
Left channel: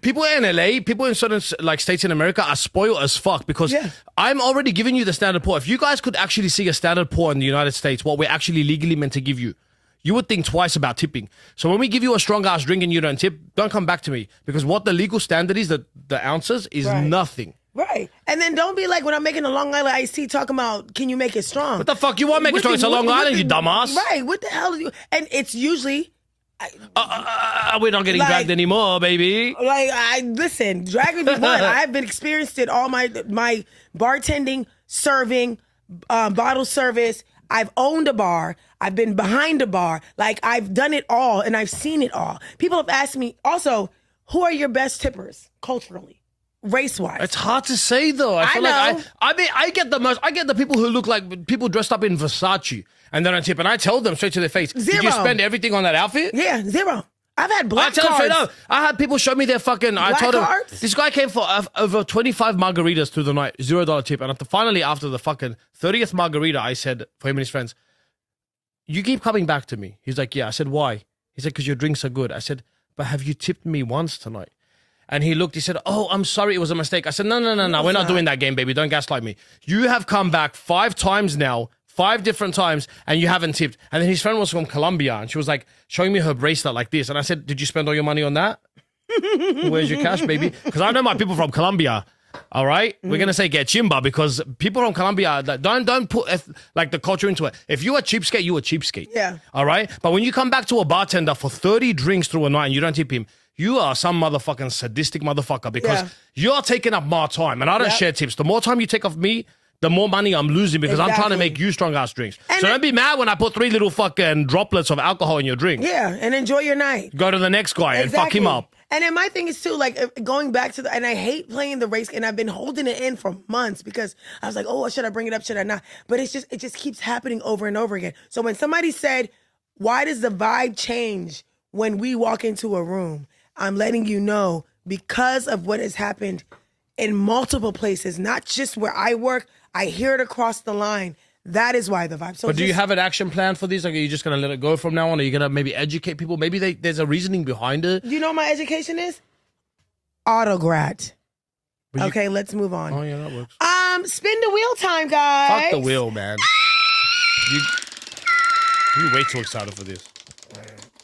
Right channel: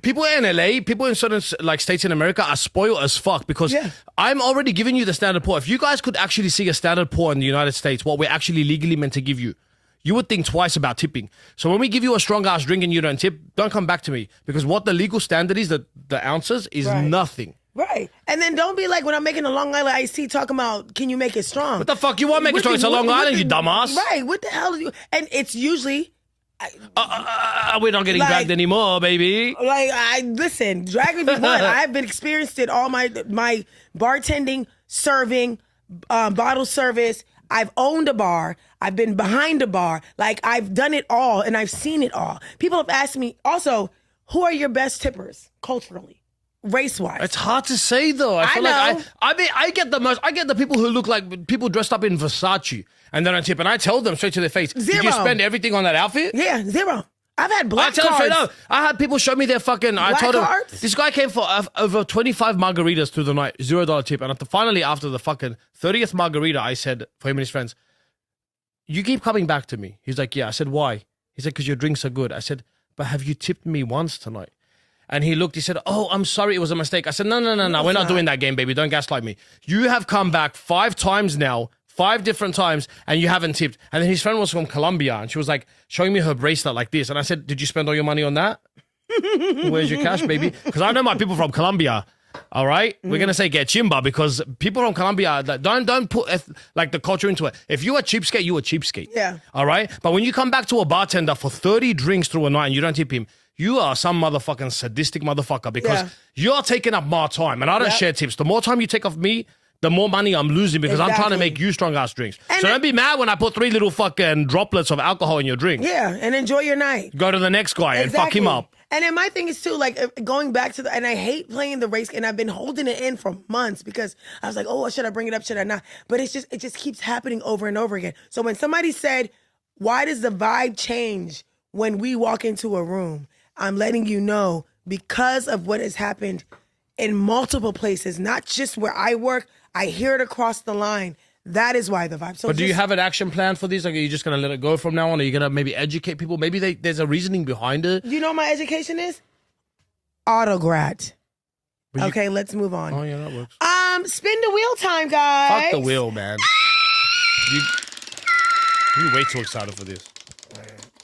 People in LA, people in certain like states in America are spoiled as fuck because I'm already giving you the standard pour. If you guys could actually see a standard pour in the United States, what we're actually legally meant to give you, you would think twice about tipping. So when we give you a strong ass drink and you don't tip, don't come back to me because what the legal standard is, the ounces is nothing. Right. And then don't be like when I'm making a Long Island iced tea talking about, can you make it strong? What the fuck? You want to make it strong? It's a Long Island, you dumbass. Right. What the hell? And it's usually... we're not getting dragged anymore, baby. Listen, drag if you want. I've been experienced it all my bartending, serving, bottle service. I've owned a bar. I've been behind a bar. Like, I've done it all, and I've seen it all. People have asked me, also, who are your best tippers culturally? Race-wise. It's hard to say though. I feel like I get the people who look like people dressed up in Versace and then I tip and I tell them straight to their face, did you spend everything on that outfit? Yeah, 0. I've had black cards. Straight up. I had people show me their fucking black I told them cards? this guy came for over 25 margaritas through the night, $0 tip. And finally after the fucking 30th margarita, I said for him and his friends, you keep coming back to me. He's like, yeah. I said, why? He said, because your drinks are good. I said, but have you tipped me once tonight? And he looked, he said, oh, I'm sorry, it was a mistake. I said, no, we're not doing that game, baby. Don't gaslight me. You have come back 5 times now, 5 different times, and you haven't tipped. And then his friend was from Colombia, and she was like, showing me her bracelet like this. And I said, did you spend all your money on that? Where's your cash, baby? Because I know my people from Colombia, all right? We're going to say get chimba, because people from Colombia, don't put like the culture into it. If you're a cheapskate, you're a cheapskate. Yeah. All right? But when you come back to a bartender for 30 drinks through a night and you don't tip him, you are some motherfucking sadistic motherfucker because you're taking up my time and I don't share tips. The more time you take off me, the more money I'm losing because I'm trying to make you strong ass drinks. And so don't be mad when I put 3 little fucking droplets of alcohol in your drink. Yeah, and enjoy your night. Go to the next guy and fuck him up. And then my thing is too, like going back to and I hate playing the race, and I've been holding it in for months because I was like, oh, should I bring it up? Should I not? But it just keeps happening over and over again. So when somebody said, why does the vibe change when we walk into a room? I'm letting you know because of what has happened in multiple places, not just where I work. I hear it across the line. That is why the vibe. So but do you have an action plan for these? Like, are you just going to let it go from now on? Are you going to maybe educate people? Maybe there's a reasoning behind it. You know what my education is? Autograd. Okay, let's move on. Oh, yeah, that works. Spin the wheel time, guys. Fuck the wheel, man. You way too excited for this.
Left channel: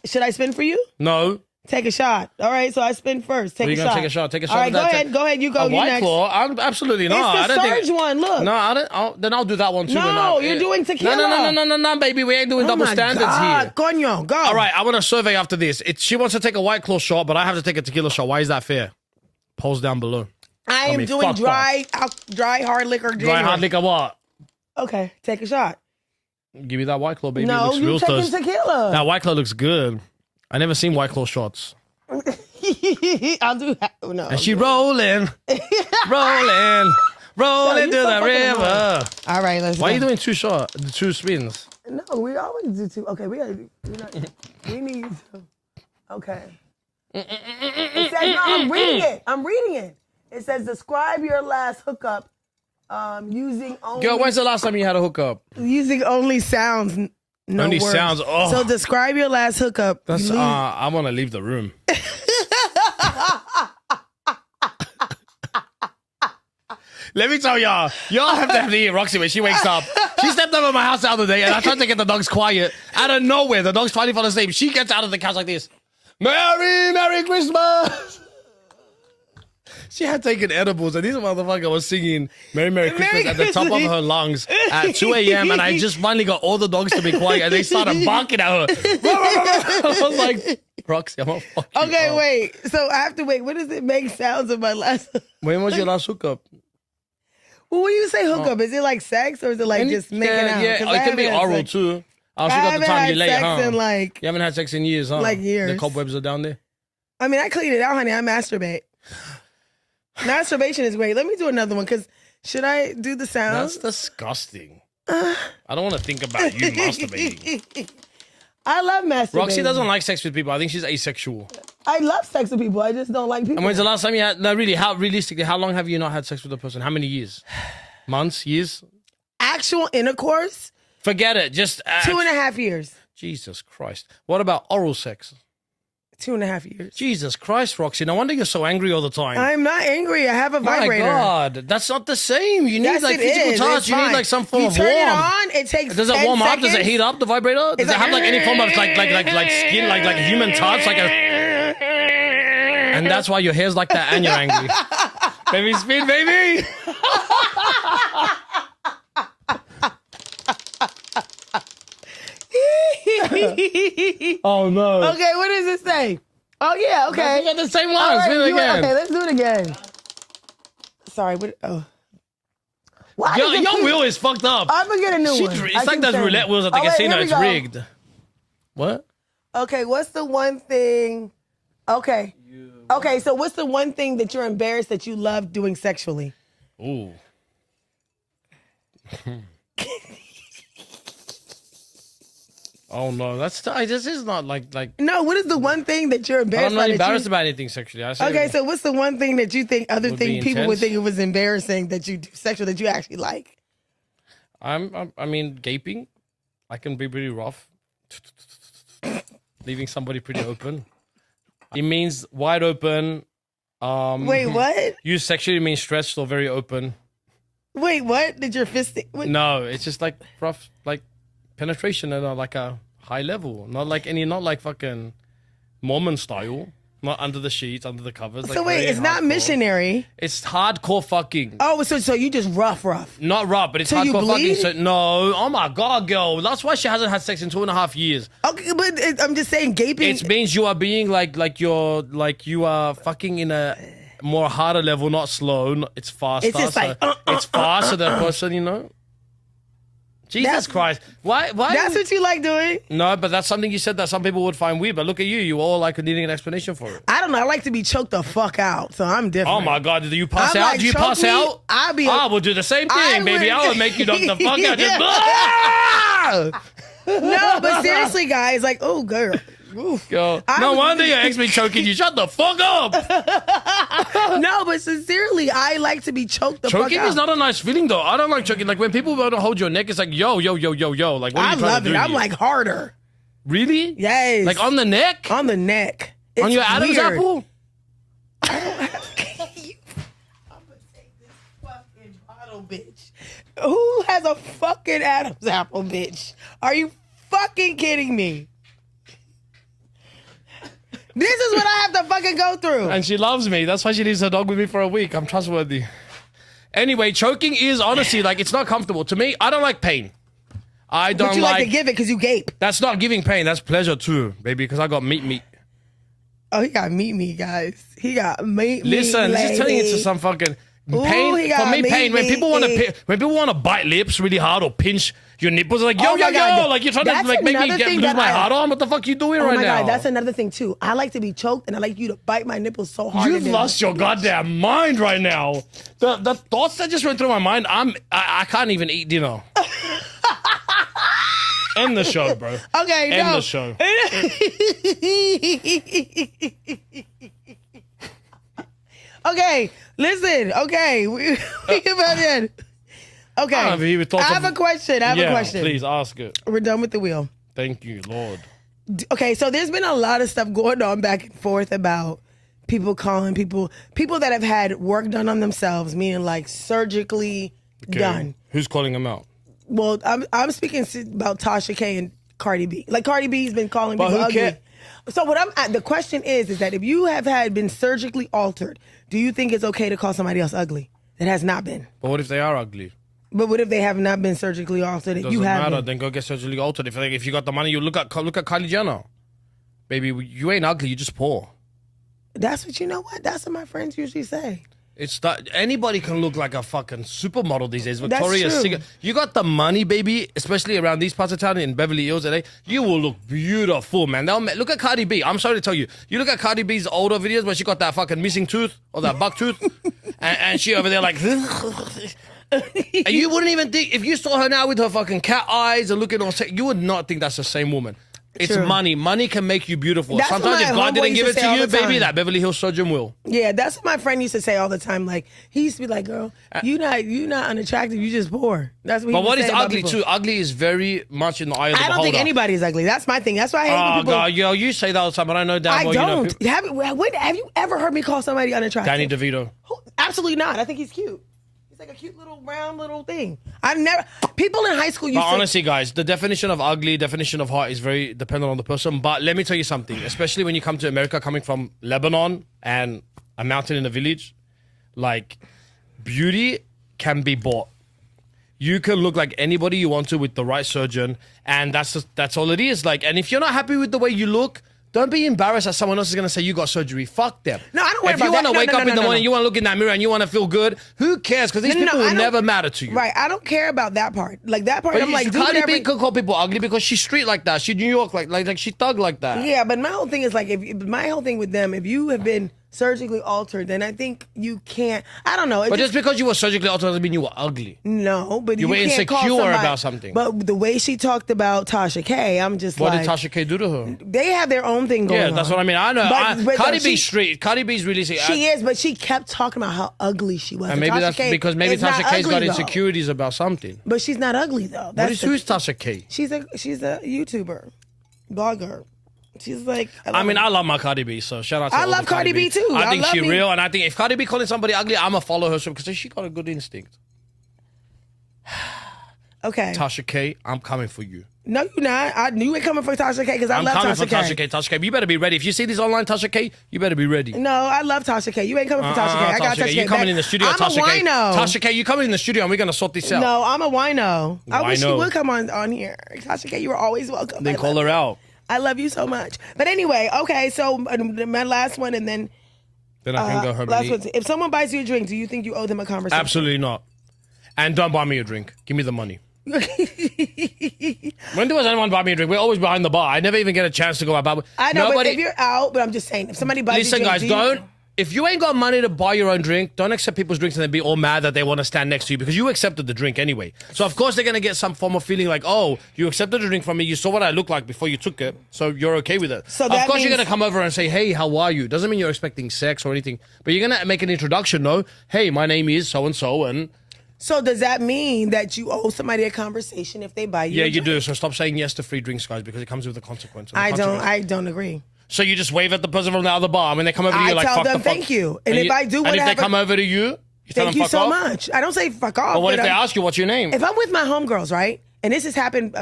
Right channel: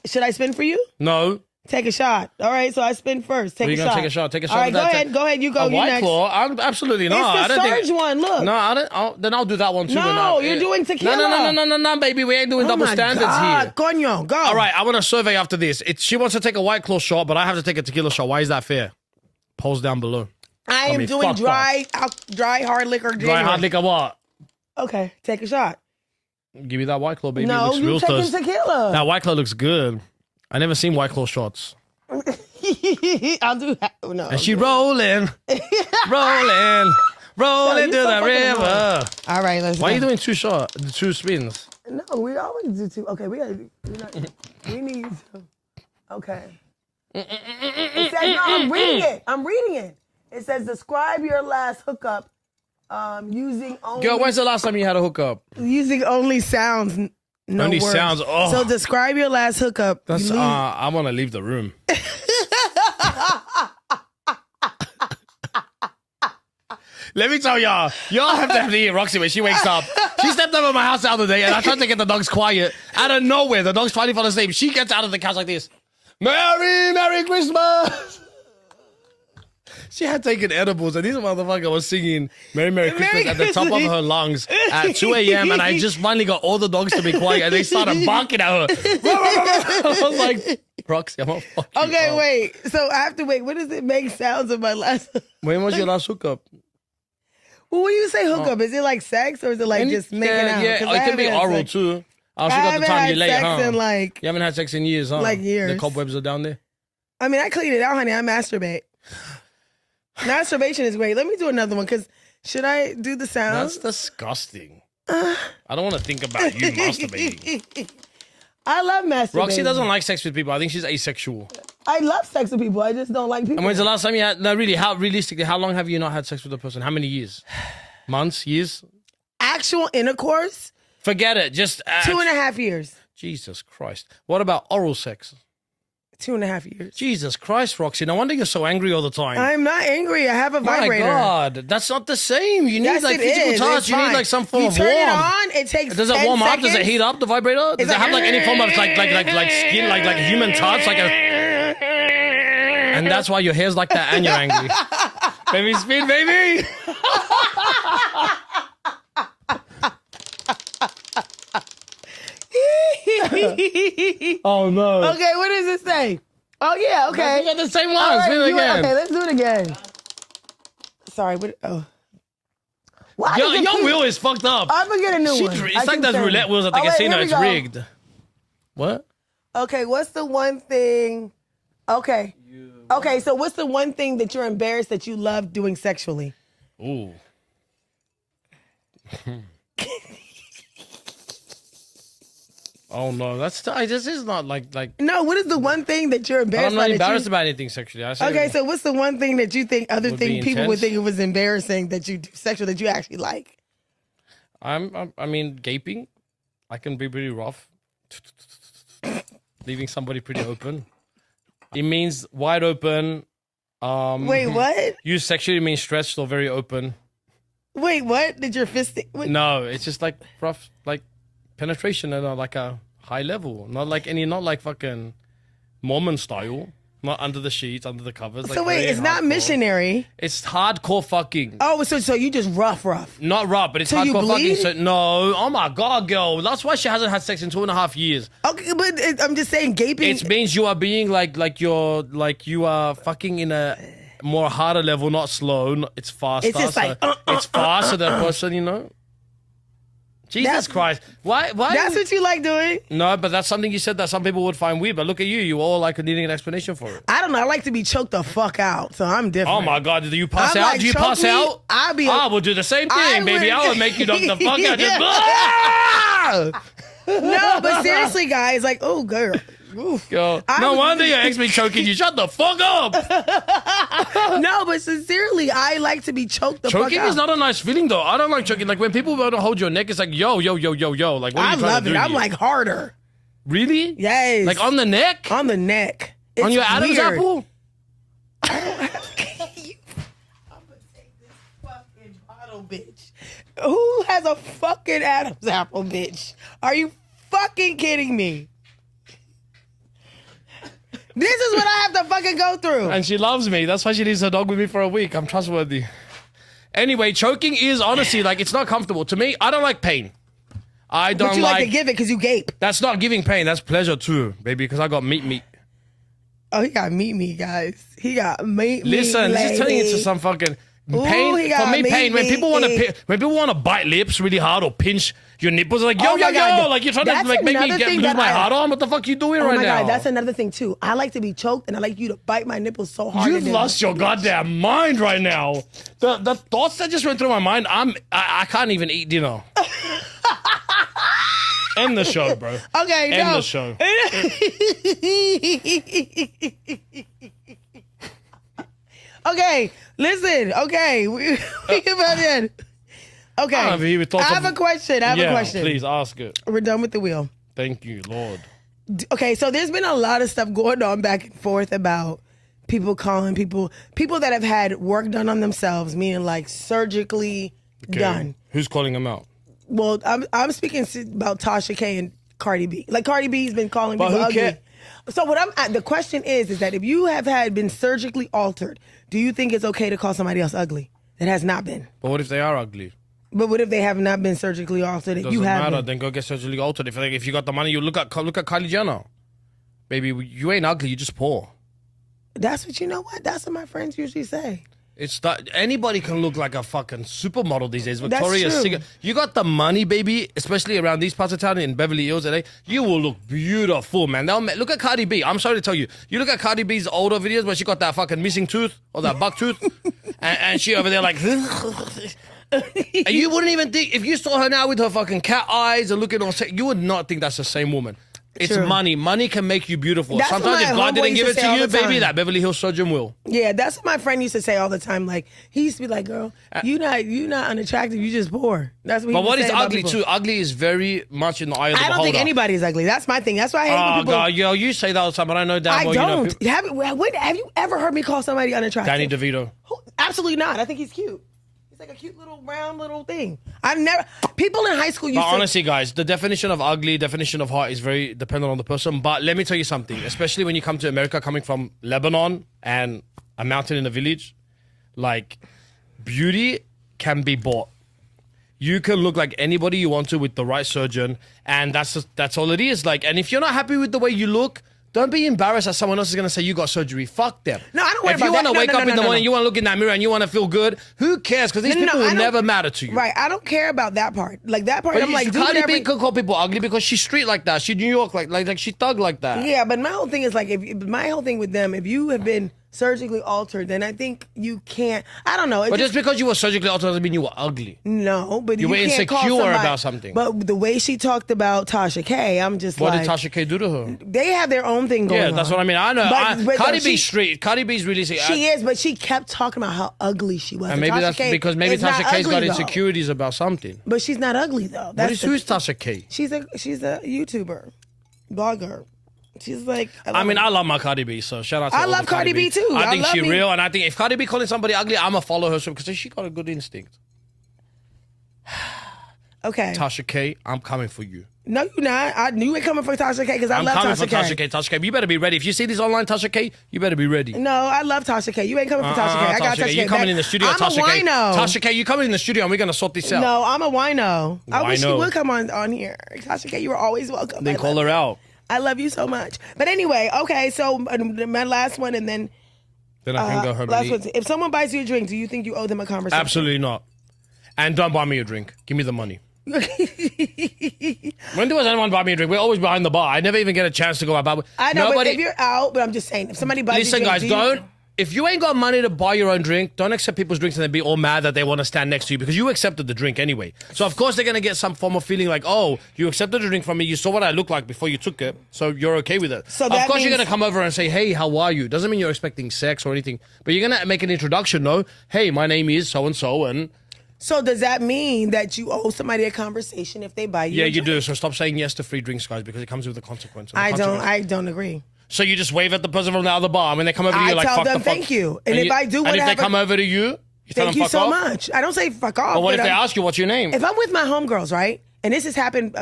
Should I spin for you? No. Take a shot. All right, so I spin first. Take a shot. Take a shot. Take a shot. All right, go ahead. You go. You next. I'm absolutely not. It's the surge one. Look. No, I don't. Then I'll do that one too. No, you're doing tequila. No, baby. We ain't doing double standards here. Coño, go. All right, I want a survey after this. She wants to take a White Claw shot, but I have to take a tequila shot. Why is that fair? Polls down below. I am doing dry hard liquor. Dry hard liquor what? Okay, take a shot. Give me that White Claw, baby. No, you taking tequila. That White Claw looks good. I never seen White Claw shots. I'll do that. No. And she rolling to the river. All right, let's. Why are you doing 2 spins? No, we always do 2. Okay, we need to. Okay. It says, no, I'm reading it. It says, describe your last hookup using only. Girl, when's the last time you had a hookup? Using only sounds. No only words. sounds. Oh. So describe your last hookup. I'm gonna leave the room. Let me tell y'all have to eat Roxy when she wakes up. She stepped out of my house the other day and I tried to get the dogs quiet. Out of nowhere, the dog's finally falling asleep. She gets out of the couch like this. Merry Christmas! She had taken edibles and this motherfucker was singing Merry Christmas at the top of her lungs at 2 a.m. and I just finally got all the dogs to be quiet and they started barking at her. I was like, Roxy, I'm gonna fuck you up. Wait. So I have to wait. What does it make sounds of my last? When was your last hookup? Well, when you say hookup, is it like sex or is it like just making out? Yeah, it can be oral too. I got the time you late, huh? You haven't had sex in years, huh? Like years. The cobwebs are down there? I mean, I cleaned it out, honey. I masturbate. Masturbation is great. Let me do another one, because should I do the sounds? That's disgusting. I don't want to think about you masturbating. I love masturbating. Roxy doesn't like sex with people. I think she's asexual. I love sex with people. I just don't like people. And when's the last time you had... No, really, realistically, how long have you not had sex with a person? How many years? Months? Years? Actual intercourse? Forget it. Just 2.5 years. Jesus Christ. What about oral sex? 2.5 years. Jesus Christ, Roxy. No wonder you're so angry all the time. I'm not angry. I have a vibrator. My God, that's not the same. You need Yes, like it physical is. touch. It's You need fine. like some form You of turn warmth. it on. It takes. Does it 10 warm up? seconds. Does it heat up the vibrator? Does It's it have like any form of like skin, like a human touch, like a? And that's why your hair's like that, and you're angry. Baby, speed, baby. Oh no. Okay, what does it say? Oh yeah, okay. That's the same All one. right, Do it again. Okay, let's do it again. Sorry, what? Oh. Why Your, does it your keep- wheel is fucked up. I'm gonna get a new one. It's like those roulette wheels at the casino. here we It's go. rigged. What? Okay, what's the one thing? Okay. Okay, so what's the one thing that you're embarrassed that you love doing sexually? Ooh. Oh no, this is not like. No, what is the one thing that you're embarrassed I'm not by? embarrassed about anything sexually. I say Okay, so what's the one thing that you think other Would be thing people would intense. think it was embarrassing that you do sexual that you actually like? I mean, gaping. I can be pretty rough. Leaving somebody pretty open. It means wide open. Wait, what? You sexually means stretched or very open. Wait, what? Did your fist? What? No, it's just like rough, like penetration at like a high level. Not like fucking Mormon style. Not under the sheets, under the covers. So like wait, very it's not hardcore. missionary. It's hardcore fucking. Oh, so you just rough. Not rough, but it's So you hardcore bleed? fucking. So, no, oh my God, girl. That's why she hasn't had sex in 2.5 years. Okay, but I'm just saying gaping. It means you are being like you are fucking in a more harder level, not slow. It's faster. It's just like, it's faster than a person, you know. Jesus That's- Christ! Why? That's what you like doing? No, but that's something you said that some people would find weird. But look at you. You all like needing an explanation for it. I don't know. I like to be choked the fuck out, so I'm different. Oh my God! Do you pass I'm out? like, Do you choke pass me, out? I will do the same I thing, baby. would- I will make you knock the fuck out. Just, No, but seriously, guys, like, oh, girl. Oof. Yo, I no was- wonder your ex be choking you. Shut the fuck up. No, but sincerely, I like to be choked the Choking fuck out. is not a nice feeling though. I don't like choking. Like when people want to hold your neck, it's like yo. Like what are I you trying love to it. do I'm here? like harder. Really? Yes. Like on the neck? On the neck. On It's your Adam's weird. apple? I'm gonna take this fucking bottle, bitch. Who has a fucking Adam's apple, bitch? Are you fucking kidding me? This is what I have to fucking go through. And she loves me. That's why she leaves her dog with me for a week. I'm trustworthy. Anyway, choking is honestly like it's not comfortable. To me, I don't like pain. I don't But you like to give it because you gape. That's not giving pain. That's pleasure too, baby. Because I got meat. Oh, he got meat, guys. He got meat. Listen, this is turning lady. into some fucking Ooh, pain. he For got me, pain. When meat, people want to bite lips really hard or pinch your nipples, like yo, Oh my God, like you're trying to that's like make me another thing lose that my I- heart on. What the fuck you doing Oh right my now? God, that's another thing too. I like to be choked and I like you to bite my nipples so hard. You've lost your goddamn mind right now. The thoughts that just went through my mind, I can't even eat dinner. End the show, bro. Okay, End no. the show. Okay, listen. Okay, we get back in. Okay, I don't know if he would talk I have of- a question. I have a question. Please ask it. We're done with the wheel. Thank you, Lord. Okay, so there's been a lot of stuff going on back and forth about people calling people that have had work done on themselves, meaning like surgically Okay. done. Who's calling him out? Well, I'm speaking about Tasha K and Cardi B. Like Cardi B's been calling But people who ugly. cares? So the question is that if you have been surgically altered, do you think it's okay to call somebody else ugly that has not been? But what if they are ugly? But what if they have not been surgically altered? If Doesn't you have matter. been? Then go get surgically altered. If you got the money, you look at Kylie Jenner. Baby, you ain't ugly. You just poor. That's what you know. What that's what my friends usually say. It's that anybody can look like a fucking supermodel these days. That's Victoria's true. Secret. You got the money, baby, especially around these parts of town in Beverly Hills, LA. You will look beautiful, man. Look at Cardi B. I'm sorry to tell you. You look at Cardi B's older videos where she got that fucking missing tooth or that buck tooth, and she over there like. And you wouldn't even think if you saw her now with her fucking cat eyes and looking all sick, you would not think that's the same woman. It's True. money. Money can make you beautiful. That's Sometimes what if my God homeboy didn't used give to it to say all you, the baby, time. that Beverly Hills surgeon will. Yeah, that's what my friend used to say all the time. Like, he used to be like, girl, you not unattractive, you just poor. That's what he But would what say is about ugly people. too? Ugly is very much in the eye of the I don't beholder. think anybody is ugly. That's my thing. That's why I hate when Oh people. God, yo, you say that all the time, but I know damn I well don't. you know. Have you ever heard me call somebody unattractive? Danny DeVito. Absolutely not. I think he's cute. He's like a cute little round little thing. I've never. People in high school used But to. honestly, guys, the definition of ugly, definition of hot is very dependent on the person. But let me tell you something, especially when you come to America, coming from Lebanon and a mountain in a village, like beauty can be bought. You can look like anybody you want to with the right surgeon, and that's all it is. Like, and if you're not happy with the way you look, don't be embarrassed that someone else is gonna say you got surgery. Fuck them. No, I don't worry If you about want to that. wake No, up no, in the no, morning, no. you want to look in that mirror and you want to feel good, who cares? Because these people I will don't- never matter to you. Right, I don't care about that part. Like that part, But I'm like, do Cardi whatever. B could call people ugly because she's street like that. She New York like she thug like that. Yeah, but my whole thing is like, if my whole thing with them, if you have been surgically altered, then I think you can't. I don't know. It But just because you were surgically altered doesn't mean you were ugly. no, but You were can't call insecure somebody- about something. But the way she talked about Tasha K, I'm just What like, did Tasha K do to her? they have their own thing going on. Yeah, that's what I mean. I know. But Cardi she- B's street. Cardi B's really sick. She is, but she kept talking about how ugly she was. And maybe Tasha that's K because maybe is not Tasha K's ugly, got though. insecurities about something. But she's not ugly though. That's Who's Tasha K? she's a YouTuber, blogger. She's like. I mean, I love my Cardi B, so shout out to I all love the Cardi B too. I I think love she's me. real, and I think if Cardi B calling somebody ugly, I'ma follow her because she got a good instinct. Okay. Tasha K, I'm coming for you. No, you're not. I knew you ain't coming for Tasha K because I I'm love coming Tasha for K. Tasha K. Tasha K, you better be ready. If you see this online Tasha K, you better be ready. No, I love Tasha K. You ain't coming for Tasha K. I got Tasha K. You coming in the studio, I'm Tasha a K. wino. Tasha K, you coming in the studio and we're gonna sort this out. No, I'm a wino. I wish Wino. you would come on here. Tasha K, you were always welcome. Then I call love her you. out. I love you so much. But anyway, okay, so my last one and then Then I can go home last and one. eat. If someone buys you a drink, do you think you owe them a conversation? Absolutely not. And don't buy me a drink. Give me the money. When does anyone buy me a drink? We're always behind the bar. I never even get a chance to go out. I know, but if you're out, but I'm just saying, if somebody buys Listen, you a guys, drink, don't. If you ain't got money to buy your own drink, don't accept people's drinks and then be all mad that they want to stand next to you because you accepted the drink anyway. So of course they're gonna get some form of feeling like, oh, you accepted the drink from me. You saw what I look like before you took it, so you're okay with it. So of that course you're means- gonna come over and say, hey, how are you? Doesn't mean you're expecting sex or anything, but you're gonna make an introduction. No, hey, my name is so and so, and So does that mean that you owe somebody a conversation if they buy you? yeah, a you drink? do. So stop saying yes to free drinks, guys, because it comes with a consequence. And the consequence- I don't agree. So you just wave at the person from the other bar, and when they come over to you, I you're like, tell fuck them the fuck. thank you. And if I do and if they whatever- come over to you, you tell Thank them you fuck so off. much. I don't say fuck off. But what if but they I'm- ask you what's your name? If I'm with my homegirls, right, and this has happened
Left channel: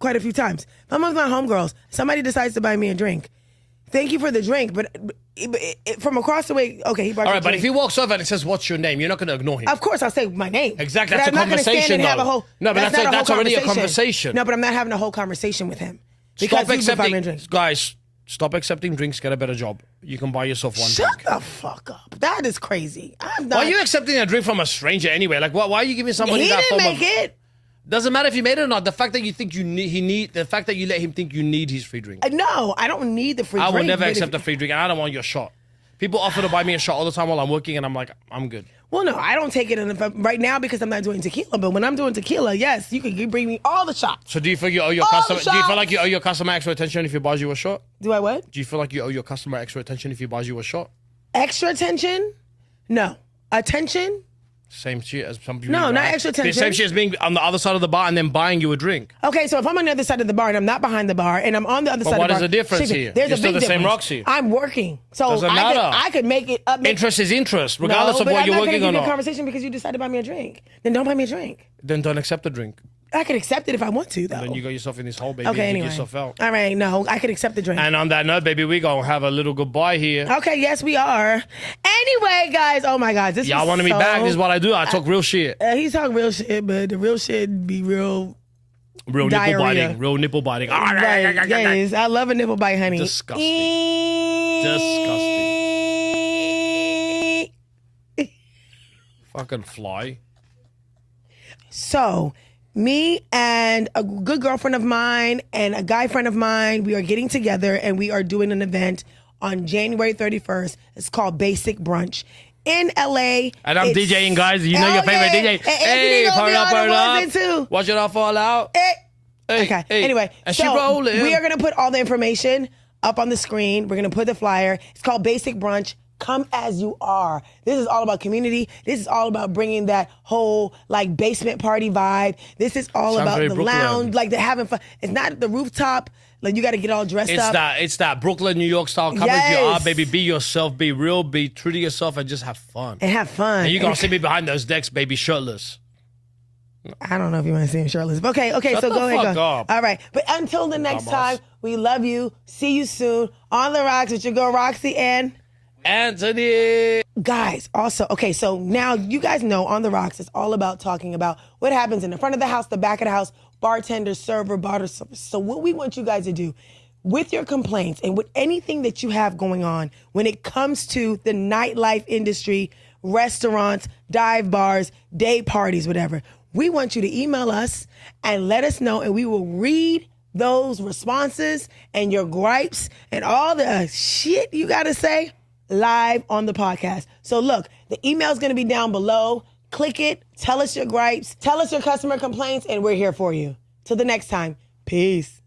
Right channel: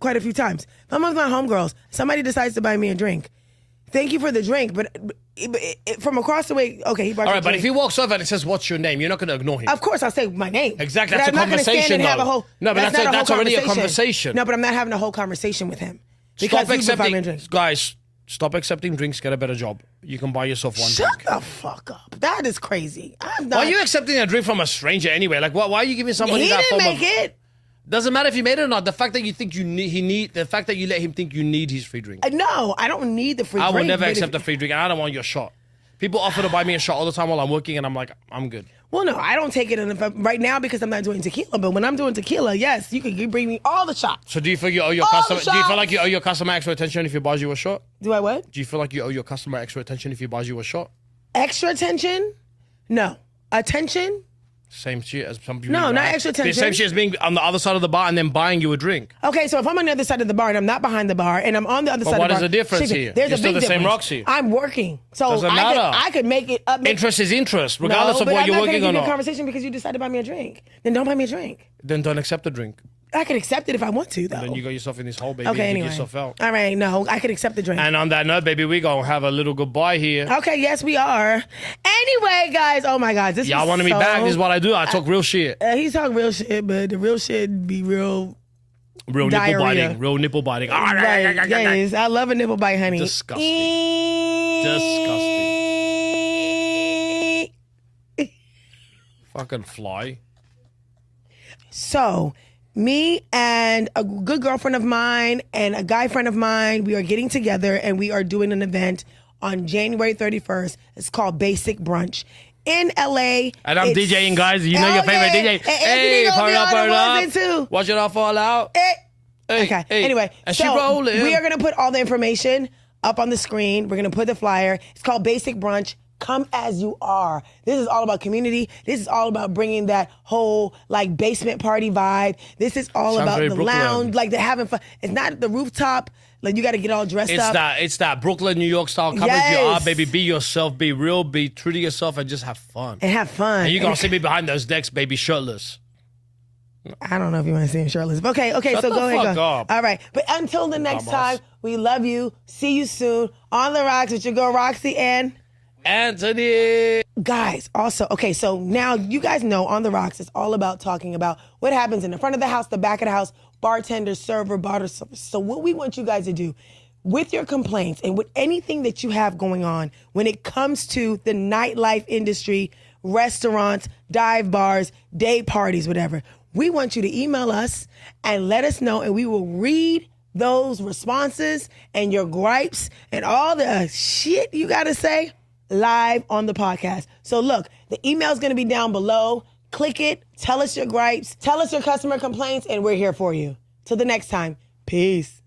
quite a few times. If I'm with my homegirls, somebody decides to buy me a drink. Thank you for the drink, but from across the way, okay, he brought All me a right, but drink. if he walks over and it says, "What's your name?" You're not going to ignore him. Of course, I'll say my name. Exactly, But that's I'm a not gonna stand conversation, and have though. a whole, No, but not that's whole already a conversation. No, but I'm not having a whole conversation with him. Because Stop you just buy me a accepting, drink. guys. Stop accepting drinks. Get a better job. You can buy yourself one Shut drink. the fuck up. That is crazy. I'm not. Why are you accepting a drink from a stranger anyway? Like, why are you giving somebody He that didn't form make of? it. Doesn't matter if you made it or not. The fact that you think the fact that you let him think you need his free drink. No, I don't need the free I drink. will never but accept a free drink, and I don't want your shot. People offer to buy me a shot all the time while I'm working, and I'm like, I'm good. Well, no, I don't take it right now because I'm not doing tequila. But when I'm doing tequila, yes, you bring me all the shots. So do you feel you owe your All customer? the Do you feel shots. like you owe your customer extra attention if he buys you a shot? Do I what? Do you feel like you owe your customer extra attention if he buys you a shot? Extra attention? No. Attention? Same shit as some people. No, not extra The attention. same shit as being on the other side of the bar and then buying you a drink. Okay, so if I'm on the other side of the bar and I'm not behind the bar and I'm on the other side what of is the bar. the difference see, here? There's You're a still big the same difference. Roxy. I'm working. So Doesn't I matter. could make it up. Interest is interest, regardless of but what I'm you're not working gonna or give you a not. conversation because you decided to buy me a drink. Then don't buy me a drink. Then don't accept the drink. I could accept it if I want to, though. Then you got yourself in this hole, baby. Okay, and anyway. dig yourself out. All right, no, I could accept the drink. And on that note, baby, we gonna have a little goodbye here. Okay, yes, we are. Anyway, guys, oh my God, this Y'all was wanted me so... back? This is what I do. I talk real shit. He's talking real shit, but the real shit be real. Real nipple Diarrhea. biting. Real nipple biting. Right, yes, I love a nipple bite, honey. Disgusting. Disgusting. Fucking fly. So, me and a good girlfriend of mine and a guy friend of mine, we are getting together and we are doing an event on January 31st. It's called Basic Brunch in LA. And I'm It's- DJing, guys. You know your Oh, favorite yeah. DJ. And Anthony Hey, gonna turn be up, on turn the up. ones too. Watch it all fall out. Eh, Okay. Hey, Anyway, and she so rolling. we are going to put all the information up on the screen. We're going to put the flyer. It's called Basic Brunch. Come as you are. This is all about community. This is all about bringing that whole like basement party vibe. This is all Sounds about very the Brooklyn. lounge, like they're having fun. It's not the rooftop. Like you got to get all dressed up. It's that Brooklyn, New York style. Come as you are, Yes. baby. Be yourself. Be real. Be true to yourself, and just have fun. And have fun. And you're gonna see me behind those decks, baby, shirtless. I don't know if you want to see him shirtless. But okay, Shut so the go ahead. fuck Go. up. All right. But until the next Dumbass. time, we love you. See you soon. On the Rocks with your girl Roxy and Antony. guys. Also, okay, so now you guys know On the Rocks is all about talking about what happens in the front of the house, the back of the house, bartender, server, barter service. So what we want you guys to do with your complaints and with anything that you have going on when it comes to the nightlife industry, restaurants, dive bars, day parties, whatever, we want you to email us and let us know, and we will read those responses and your gripes and all the shit you got to say live on the podcast. So look, the email is going to be down below. Click it. Tell us your gripes. Tell us your customer complaints, and we're here for you. Till the next time. Peace.